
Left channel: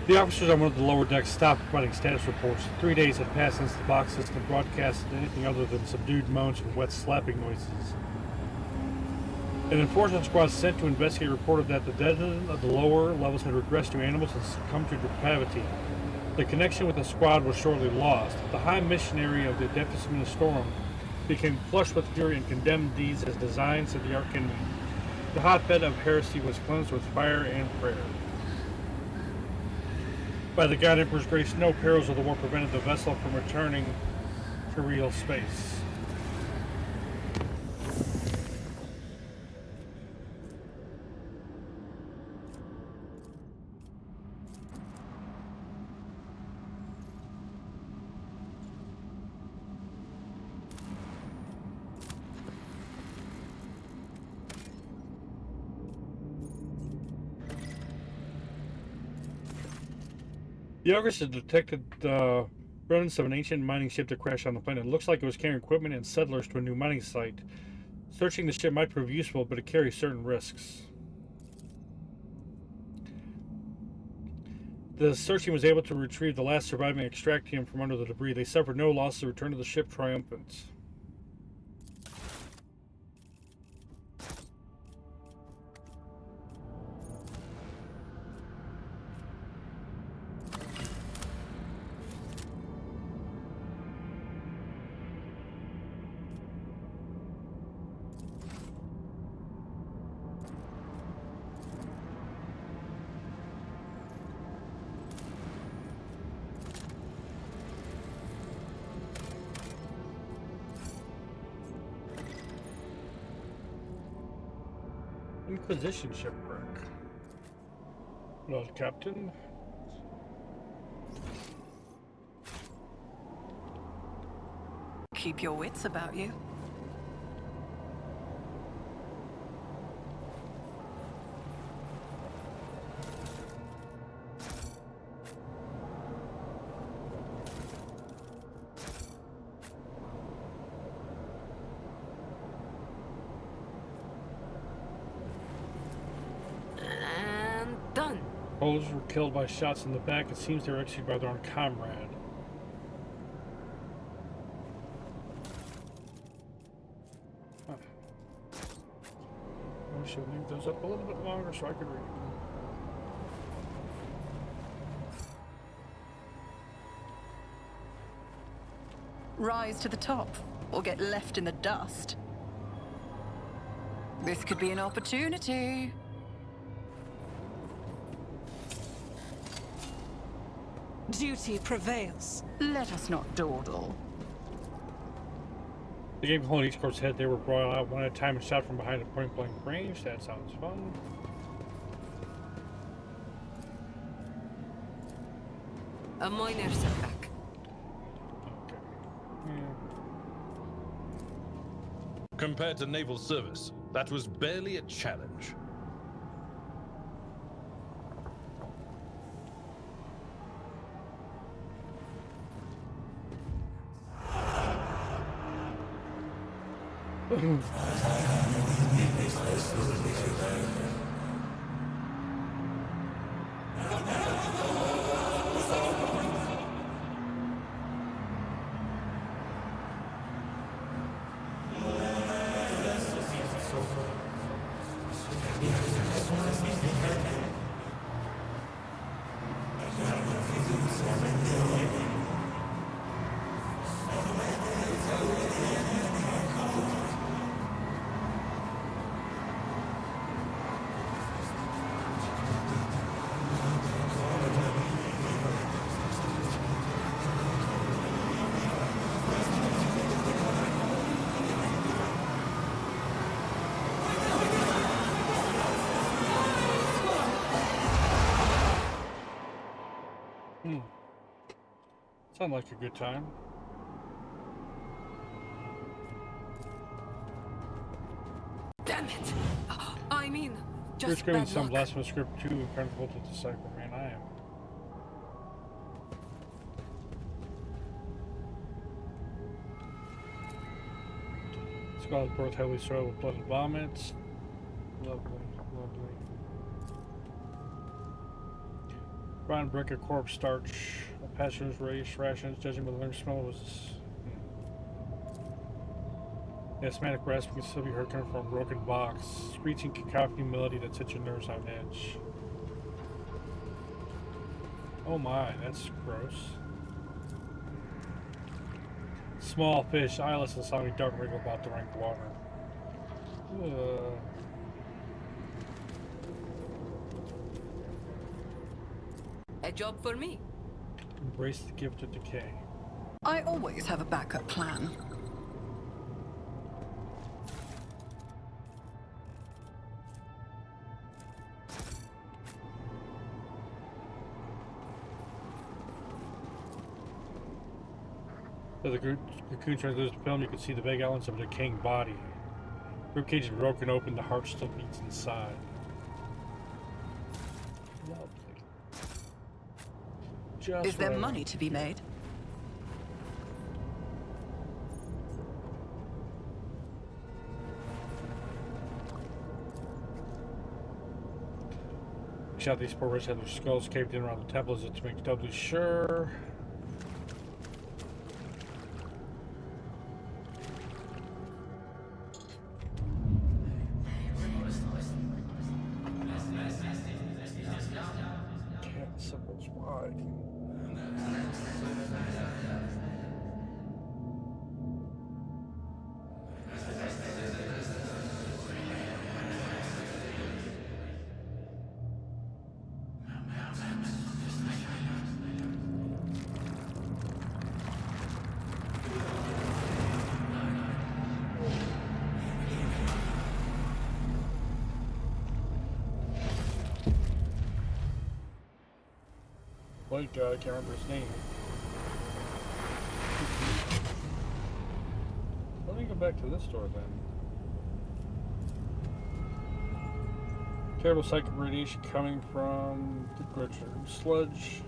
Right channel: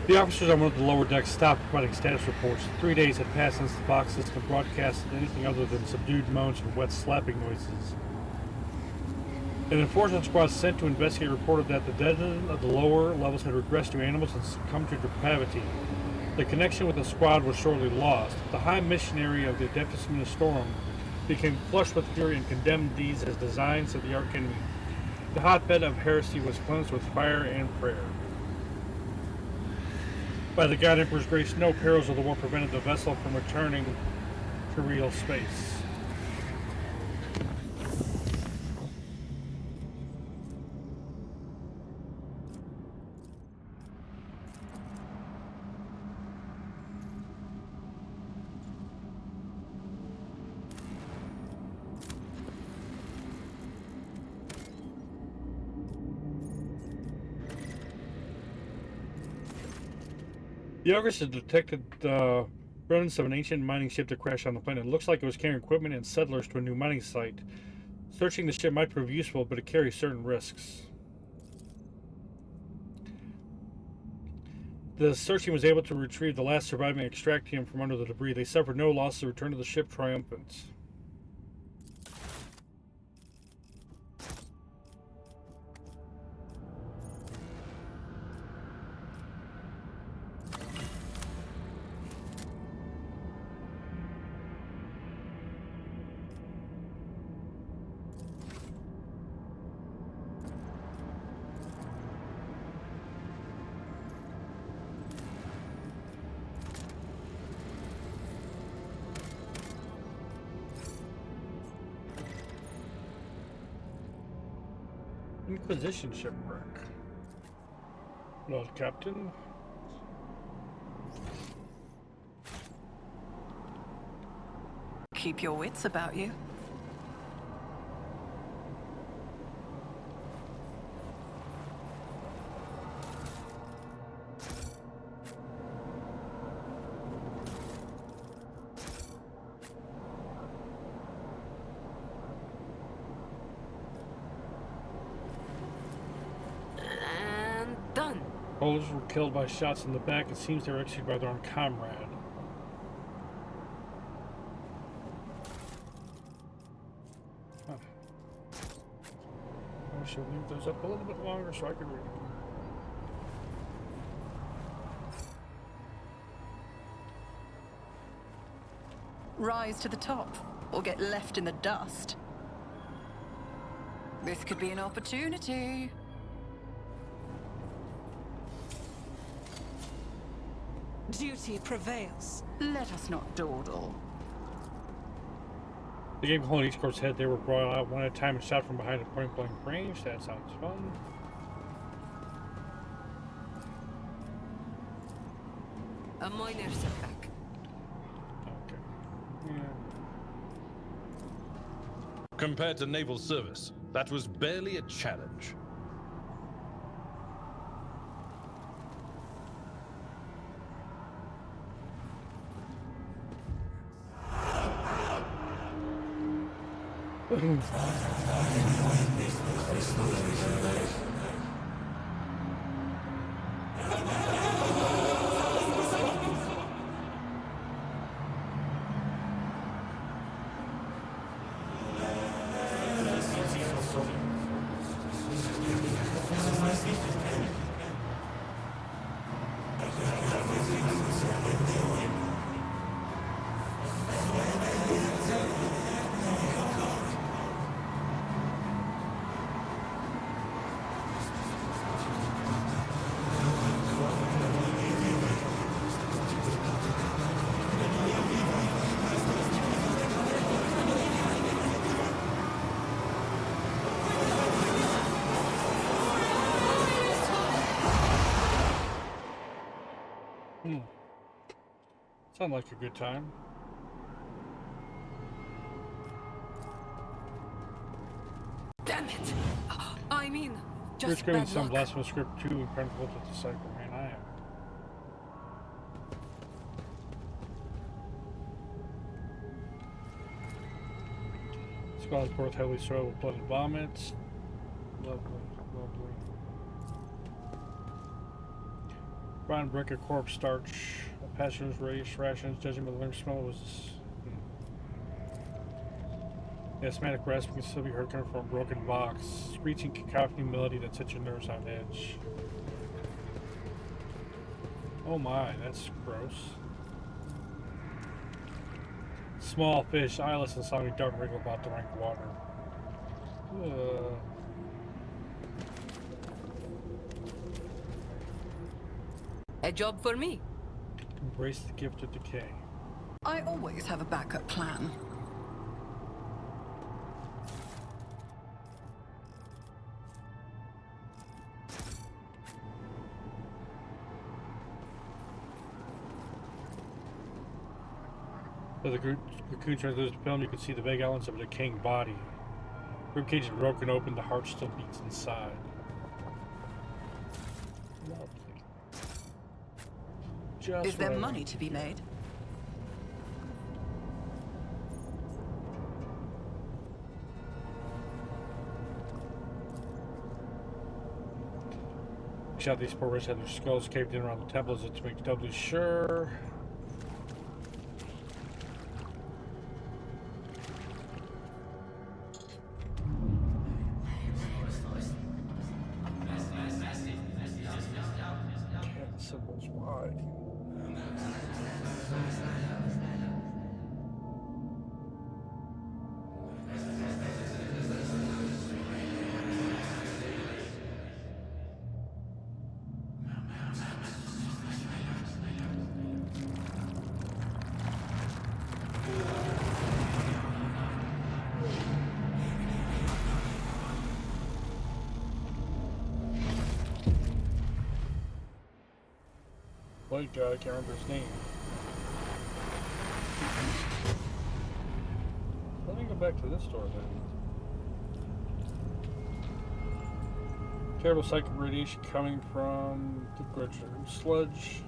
The officers on one of the lower decks stopped providing status reports. 3 days had passed since the box system broadcasted anything other than subdued moans and wet slapping noises. An enforcement squad sent to investigate reported that the dead of the lower levels had regressed to animals and succumbed to depravity. The connection with the squad was shortly lost. The High Missionary of the Adeptus Ministorum became flushed with fury and condemned these as designs of the Archenemy. The hotbed of heresy was cleansed with fire and prayer. By the God Emperor's grace, no perils of the war prevented the vessel from returning to real space. The August had detected the remnants of an ancient mining ship that crashed on the planet. It looks like it was carrying equipment and settlers to a new mining site. Searching the ship might prove useful, but it carries certain risks. The searching was able to retrieve the last surviving extractium from under the debris. They suffered no loss to return to the ship triumphant. Inquisition shipwreck. Lord Captain. Keep your wits about you. And done. Soldiers were killed by shots in the back. It seems they were executed by their own comrade. Huh. I wish I would leave those up a little bit longer so I could read them. Rise to the top, or get left in the dust. This could be an opportunity. Duty prevails. Let us not dawdle. The game holding each corpse's head, they were brought out one at a time and shot from behind at point blank range. That sounds fun. A minor setback. Okay. Yeah. Compared to naval service, that was barely a challenge. Sounds like a good time. Damn it! I mean, You're just screaming bad some luck. blasphemous script too impenetrable to decipher, man. I am. Skull is both heavily soiled with blood and vomits. Lovely, lovely. Brown brick of corpse starch. A passenger rations, judging by the lingering smell was. The asthmatic rasping can still be heard coming from a broken box. Screeching cacophony melody that sets your nerves on edge. Oh my, that's gross. Small fish, eyeless and slimy dark wriggle about the rank water. A job for me. Embrace the gift of decay. I always have a backup plan. As the cocoon turns loose the film, you can see the vague outlines of a decaying body. Ribcage is broken open, the heart still beats inside. Lovely. Just Is there what I money want. to be made? Shot these poor rich had their skulls caved in around the temples to make doubly sure. Cat symbols wide. White guy, I can't remember his name. Let me go back to this door then. Terrible psychic radiation coming from the Grudger sludge.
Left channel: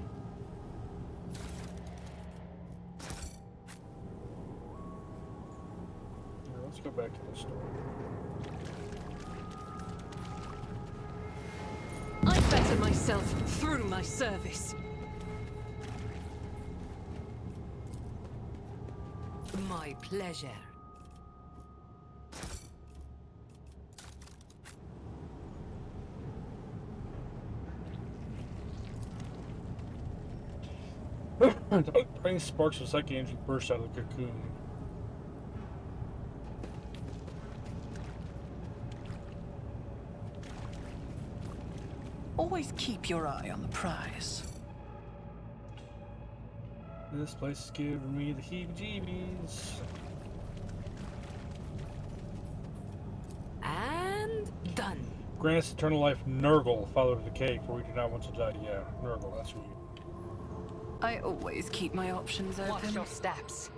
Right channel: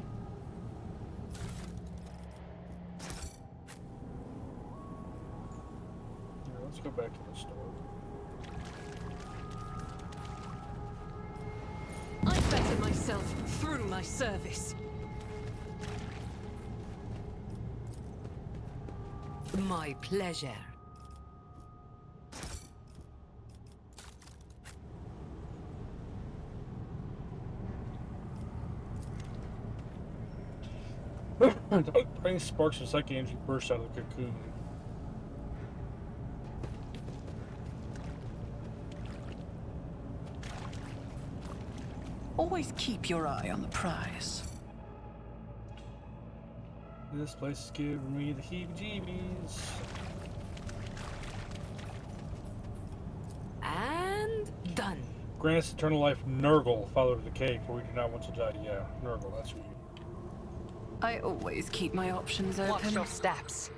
Here, let's go back to this door. I better myself through my service. My pleasure. Tiny sparks of psychic energy burst out of the cocoon. Always keep your eye on the prize. This place is giving me the heebie-jeebies. And done. Grant us eternal life, Nurgle, father of the cake, for we do not want to die. Yeah, Nurgle, that's who you. I always keep my options Watch open. your steps.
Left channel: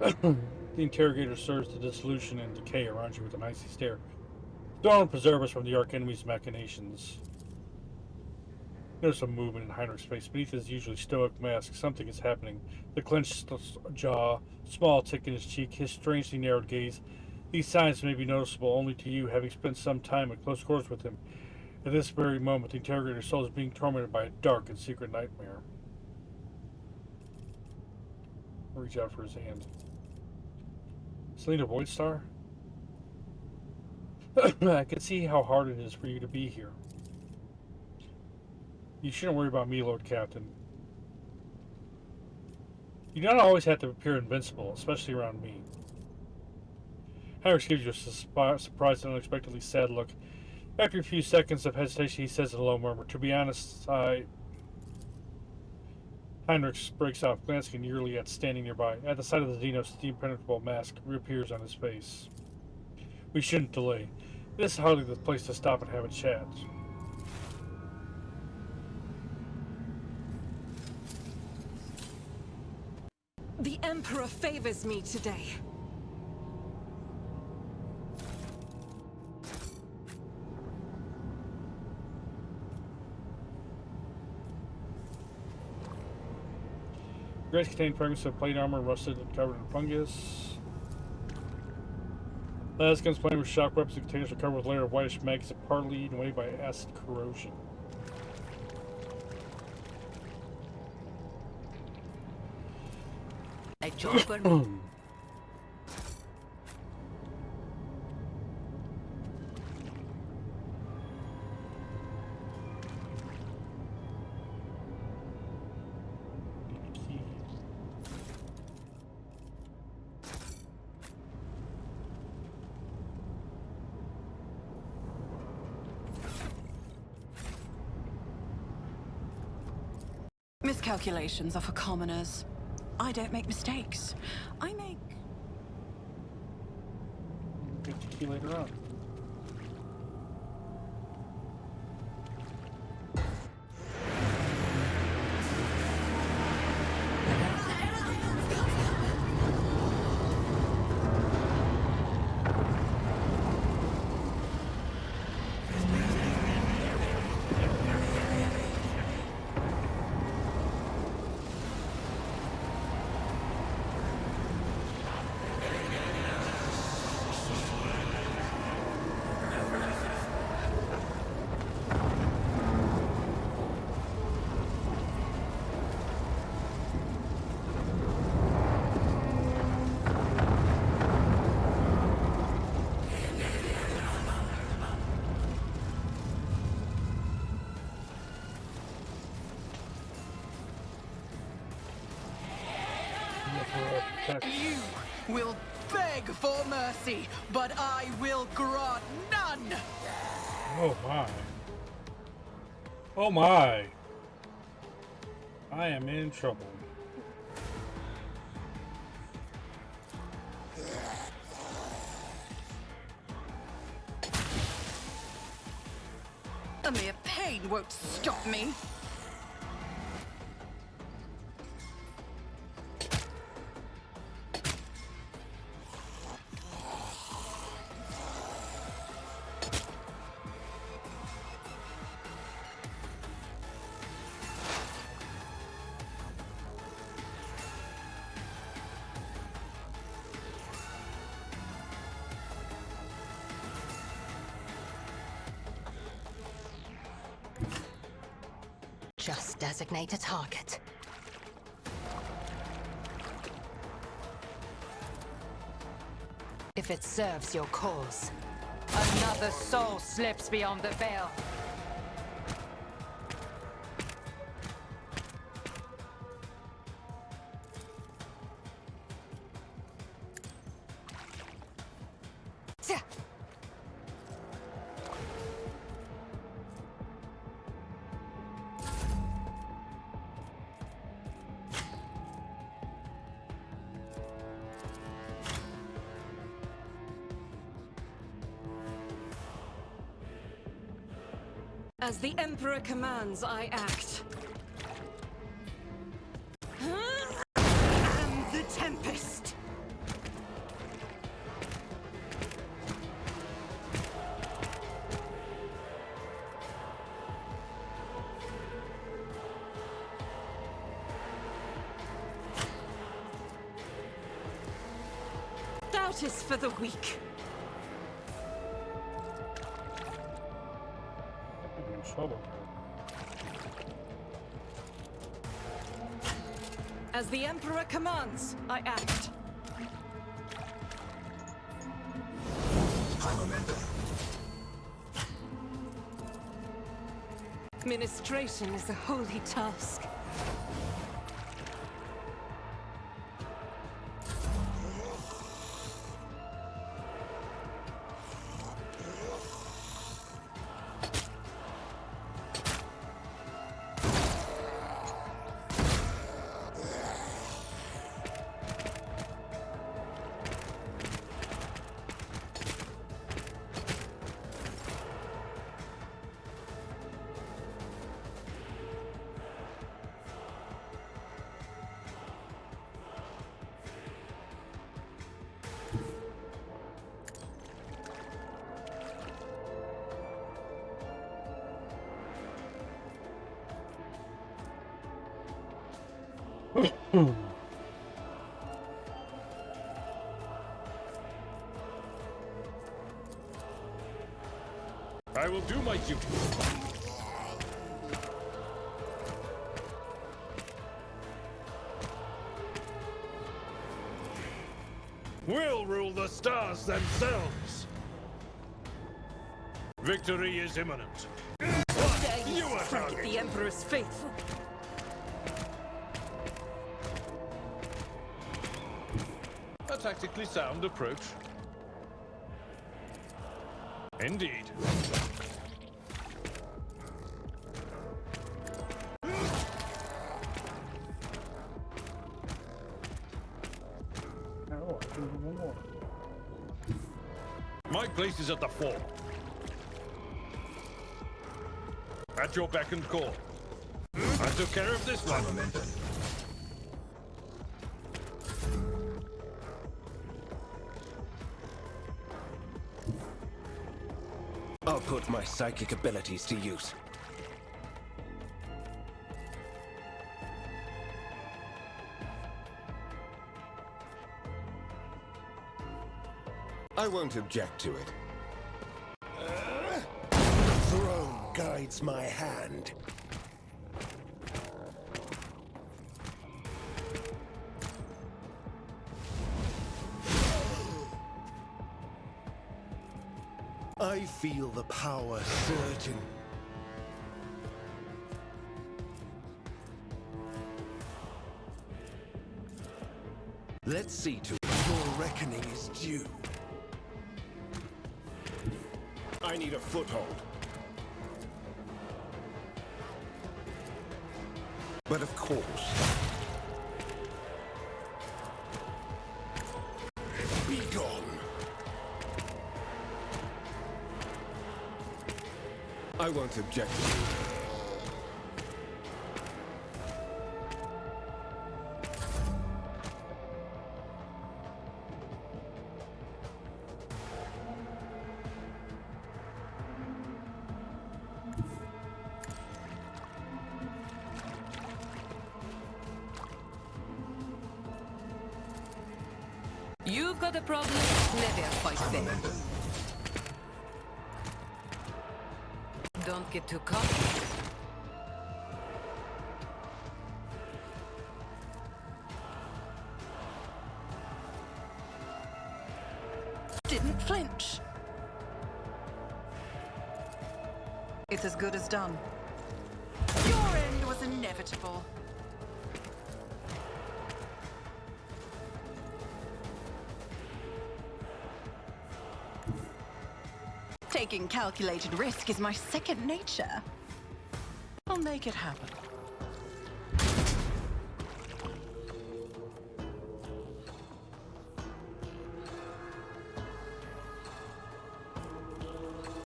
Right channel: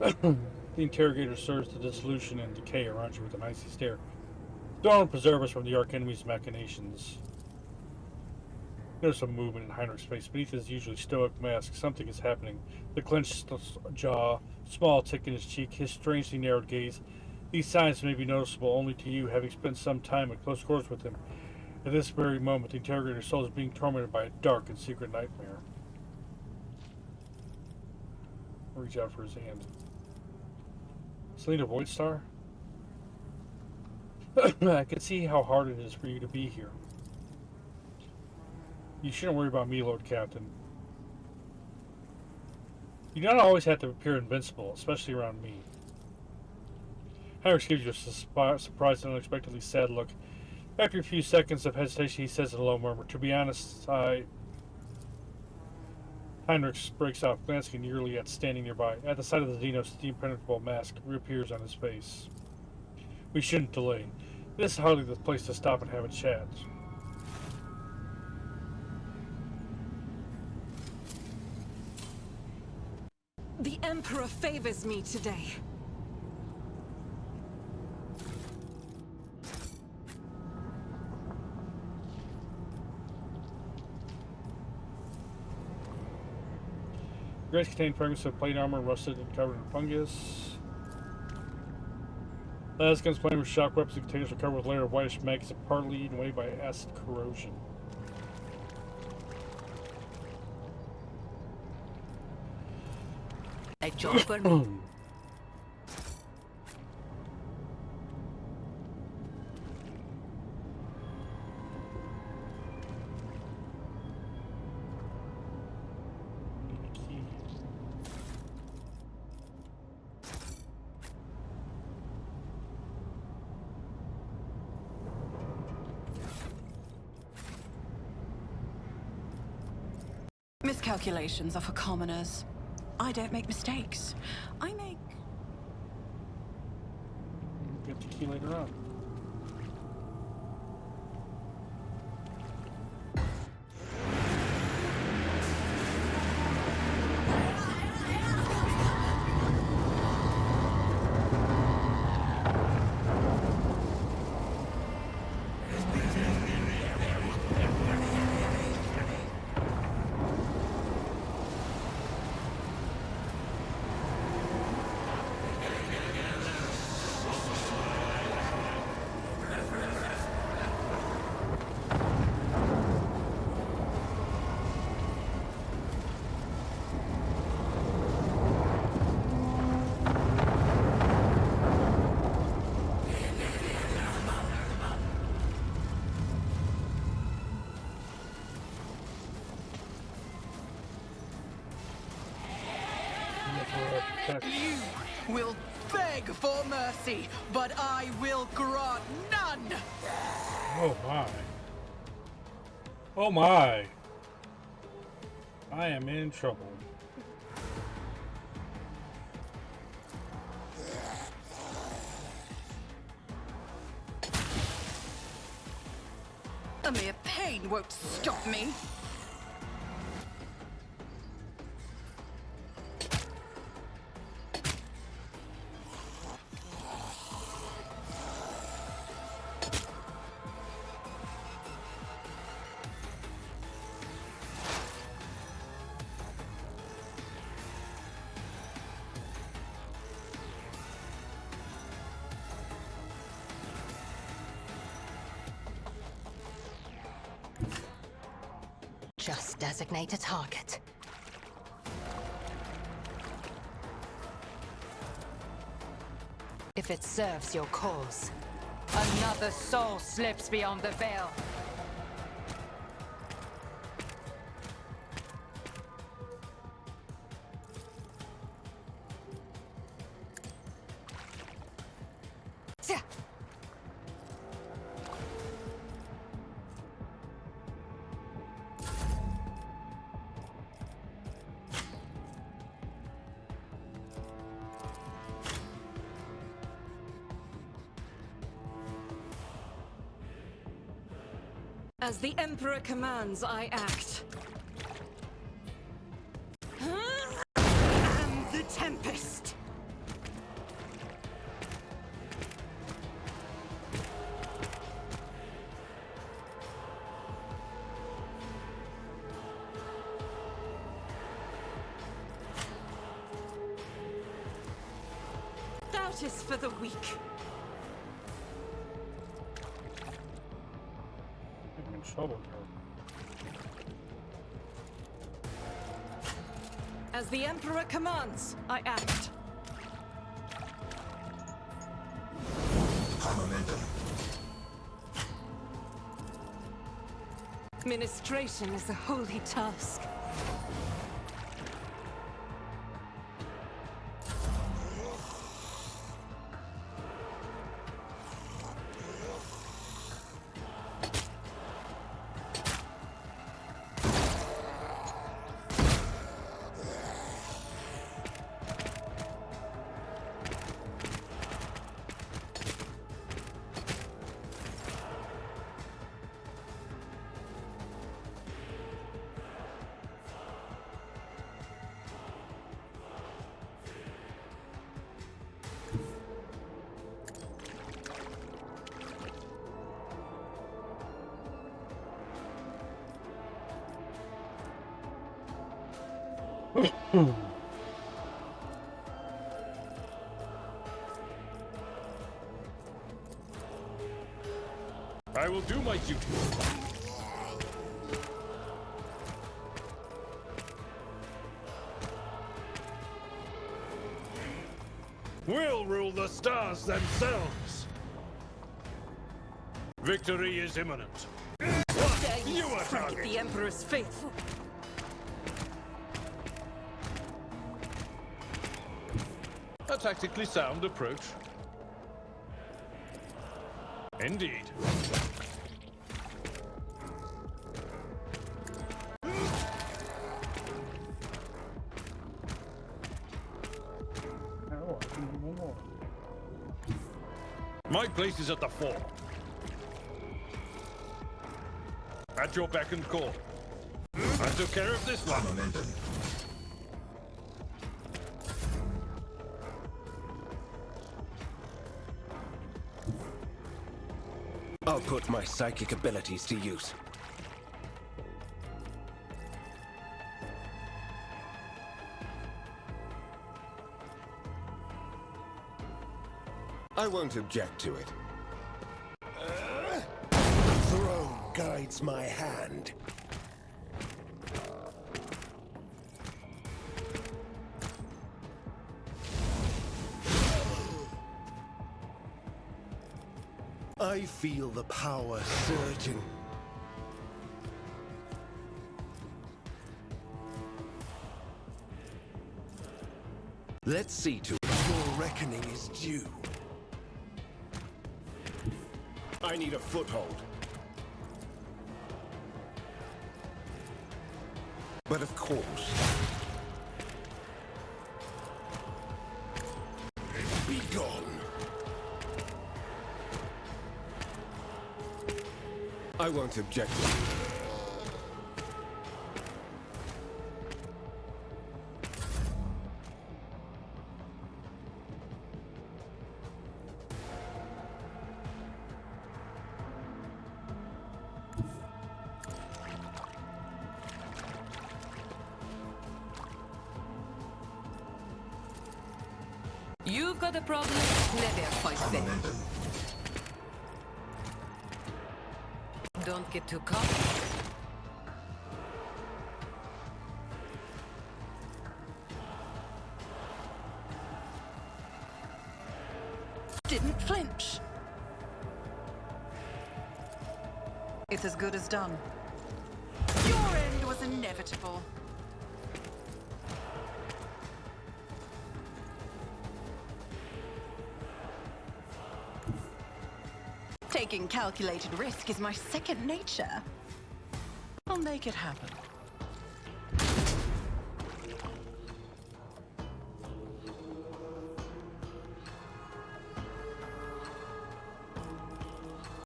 The interrogator serves the dissolution and decay around you with an icy stare. Don't preserve us from the arch enemy's machinations. There's some movement in Heinrich's face. Beneath his usually stoic mask, something is happening. The clenched jaw, small tick in his cheek, his strangely narrowed gaze. These signs may be noticeable only to you, having spent some time at close quarters with him. At this very moment, the interrogator's soul is being tormented by a dark and secret nightmare. Reach out for his hand. Selena Voidstar? I can see how hard it is for you to be here. You shouldn't worry about me, Lord Captain. You don't always have to appear invincible, especially around me. Heinrich gives you a surprised and unexpectedly sad look. After a few seconds of hesitation, he says in a low murmur, "To be honest, Heinrich breaks out, glancing nearly at standing nearby. At the sight of the Dino's impenetrable mask reappears on his face. We shouldn't delay. This is hardly the place to stop and have a chat. The Emperor favors me today. Graves contain fragments of plate armor, rusted and covered in fungus. Las guns plated with shock weapons and containers are covered with a layer of whitish maggots partly eaten away by acid corrosion. A job for me. Key. Miscalculations are for commoners. I don't make mistakes. I make... We'll get the key later on. You will beg for mercy, but I will grant none! Oh my. Oh my. I am in trouble. A mere pain won't stop me. Just designate a target. If it serves your cause, another soul slips beyond the veil. Tja. As the Emperor commands, I act. And the Tempest! Doubt is for the weak. I'm in trouble here. As the Emperor commands, I act. High momentum. Ministration is a holy task. I will do my duty. We'll rule the stars themselves. Victory is imminent. Dare You are strike at target. the Emperor's faithful? A tactically sound approach. Indeed. Oh, I can do one more. My place is at the fore. At your beck and call. I took care of this one. Momentum. I'll put my psychic abilities to use. I won't object to it. The throne guides my hand. I feel the power surging. Let's see to it. Your reckoning is due. I need a foothold. But of course. Be gone. I won't object to it. You've got a problem? Never fight fair. Momentum. Don't get too cocky. Didn't flinch. It's as good as done. Your end was inevitable. Taking calculated risk is my second nature. I'll make it happen.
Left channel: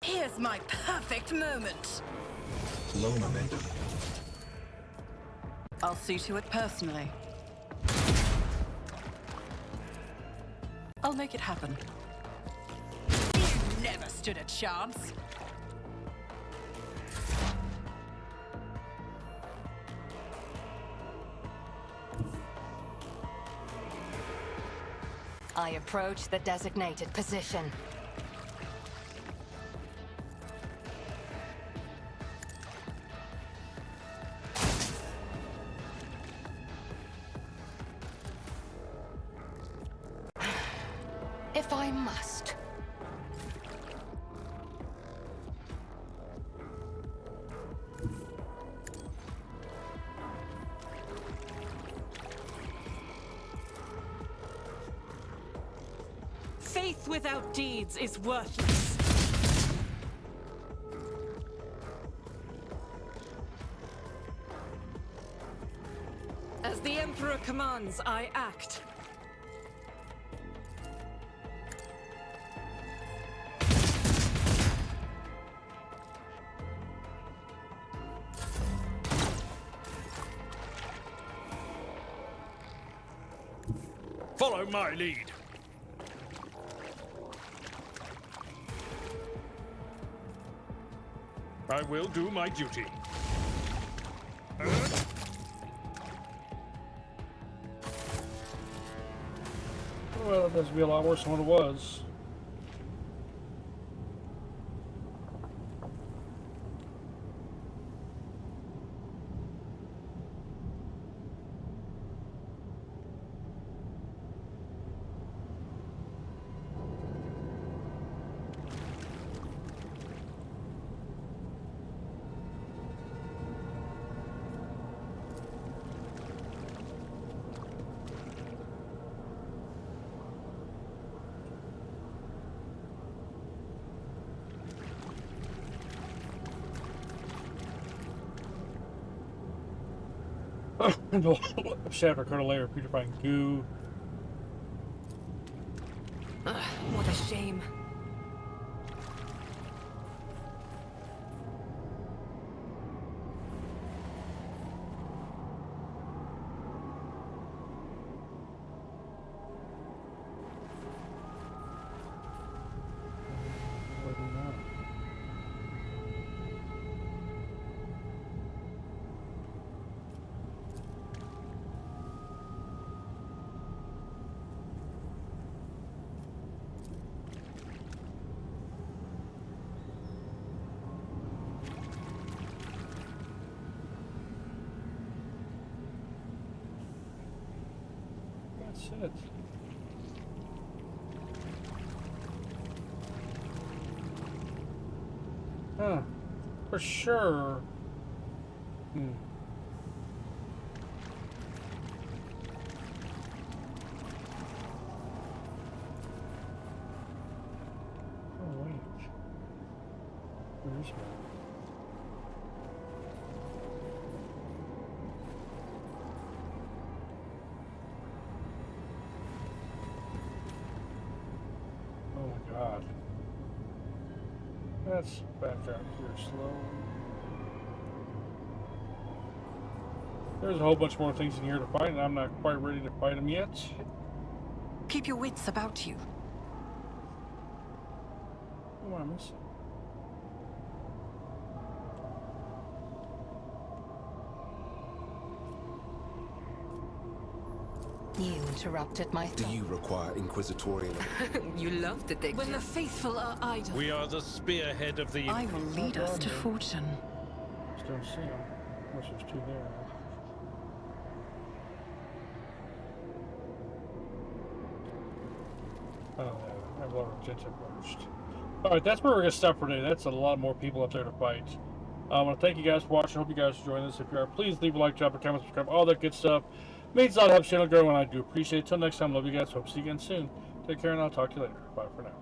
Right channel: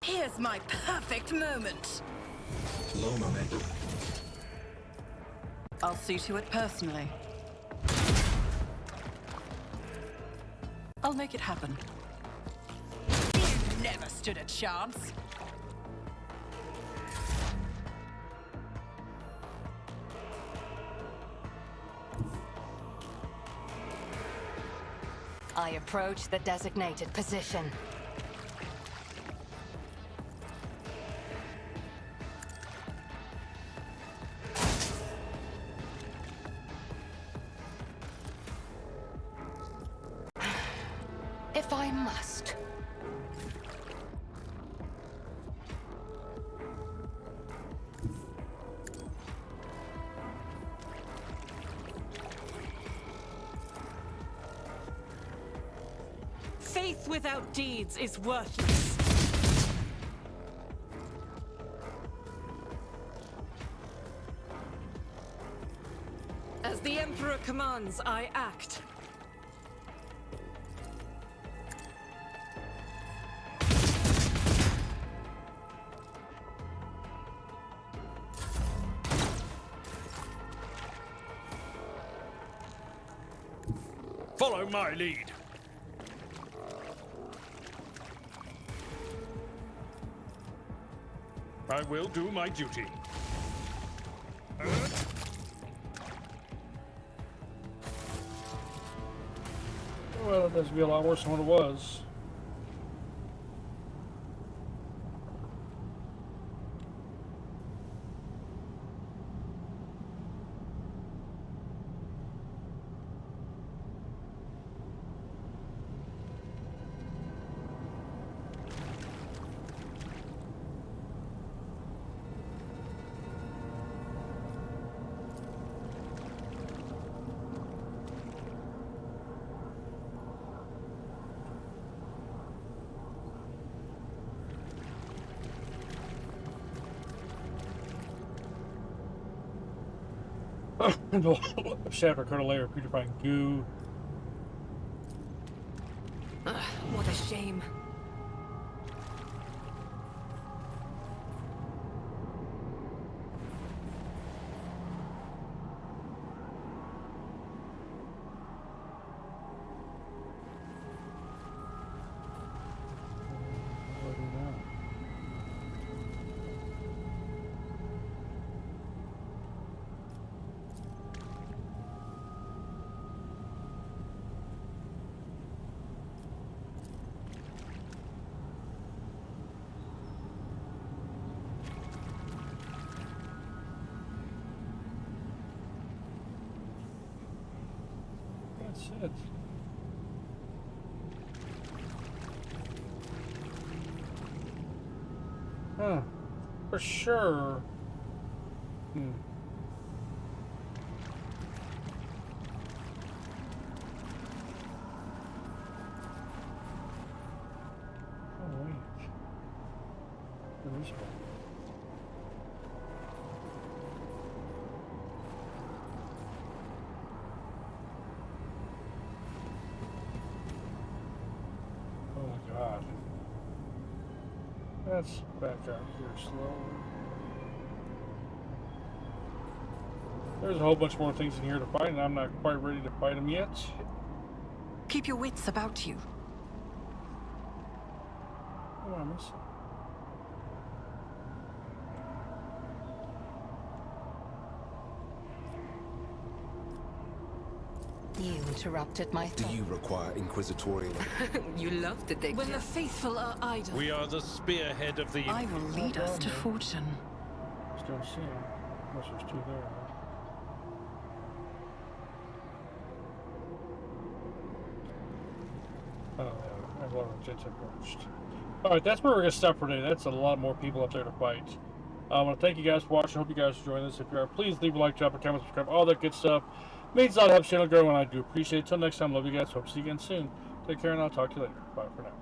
Here's my perfect moment. Low momentum. I'll see to it personally. I'll make it happen. You never stood a chance. I approach the designated position. If I must. Faith without deeds is worthless. As the Emperor commands, I act. Follow my lead. I will do my duty. Well, that's gonna be a lot worse than what it was. Shaft or coat a layer of putrefying goo. Ugh, what a shame. What do we do now? That's it. Huh. For sure. Hmm. Oh, wait. Where is one? Oh my god. Let's back out here slowly. There's a whole bunch more things in here to fight, and I'm not quite ready to fight them yet. Keep your wits about you. What am I missing? You interrupted my Do thought. you require inquisitorial? You love detective. When the faithful are idle. We are the spearhead of the... I will lead us to fortune. Just don't see them. Unless there's two there. Oh, yeah. I've already just approached. Alright, that's where we're going to stop for today. That's a lot more people up there to fight. I want to thank you guys for watching. Hope you guys enjoying this. If you are, please leave a like, drop a comment, subscribe, all that good stuff. Means a lot to help the channel grow, and I do appreciate it. Till next time, love you guys. Hope to see you again soon. Take care, and I'll talk to you later. Bye for now.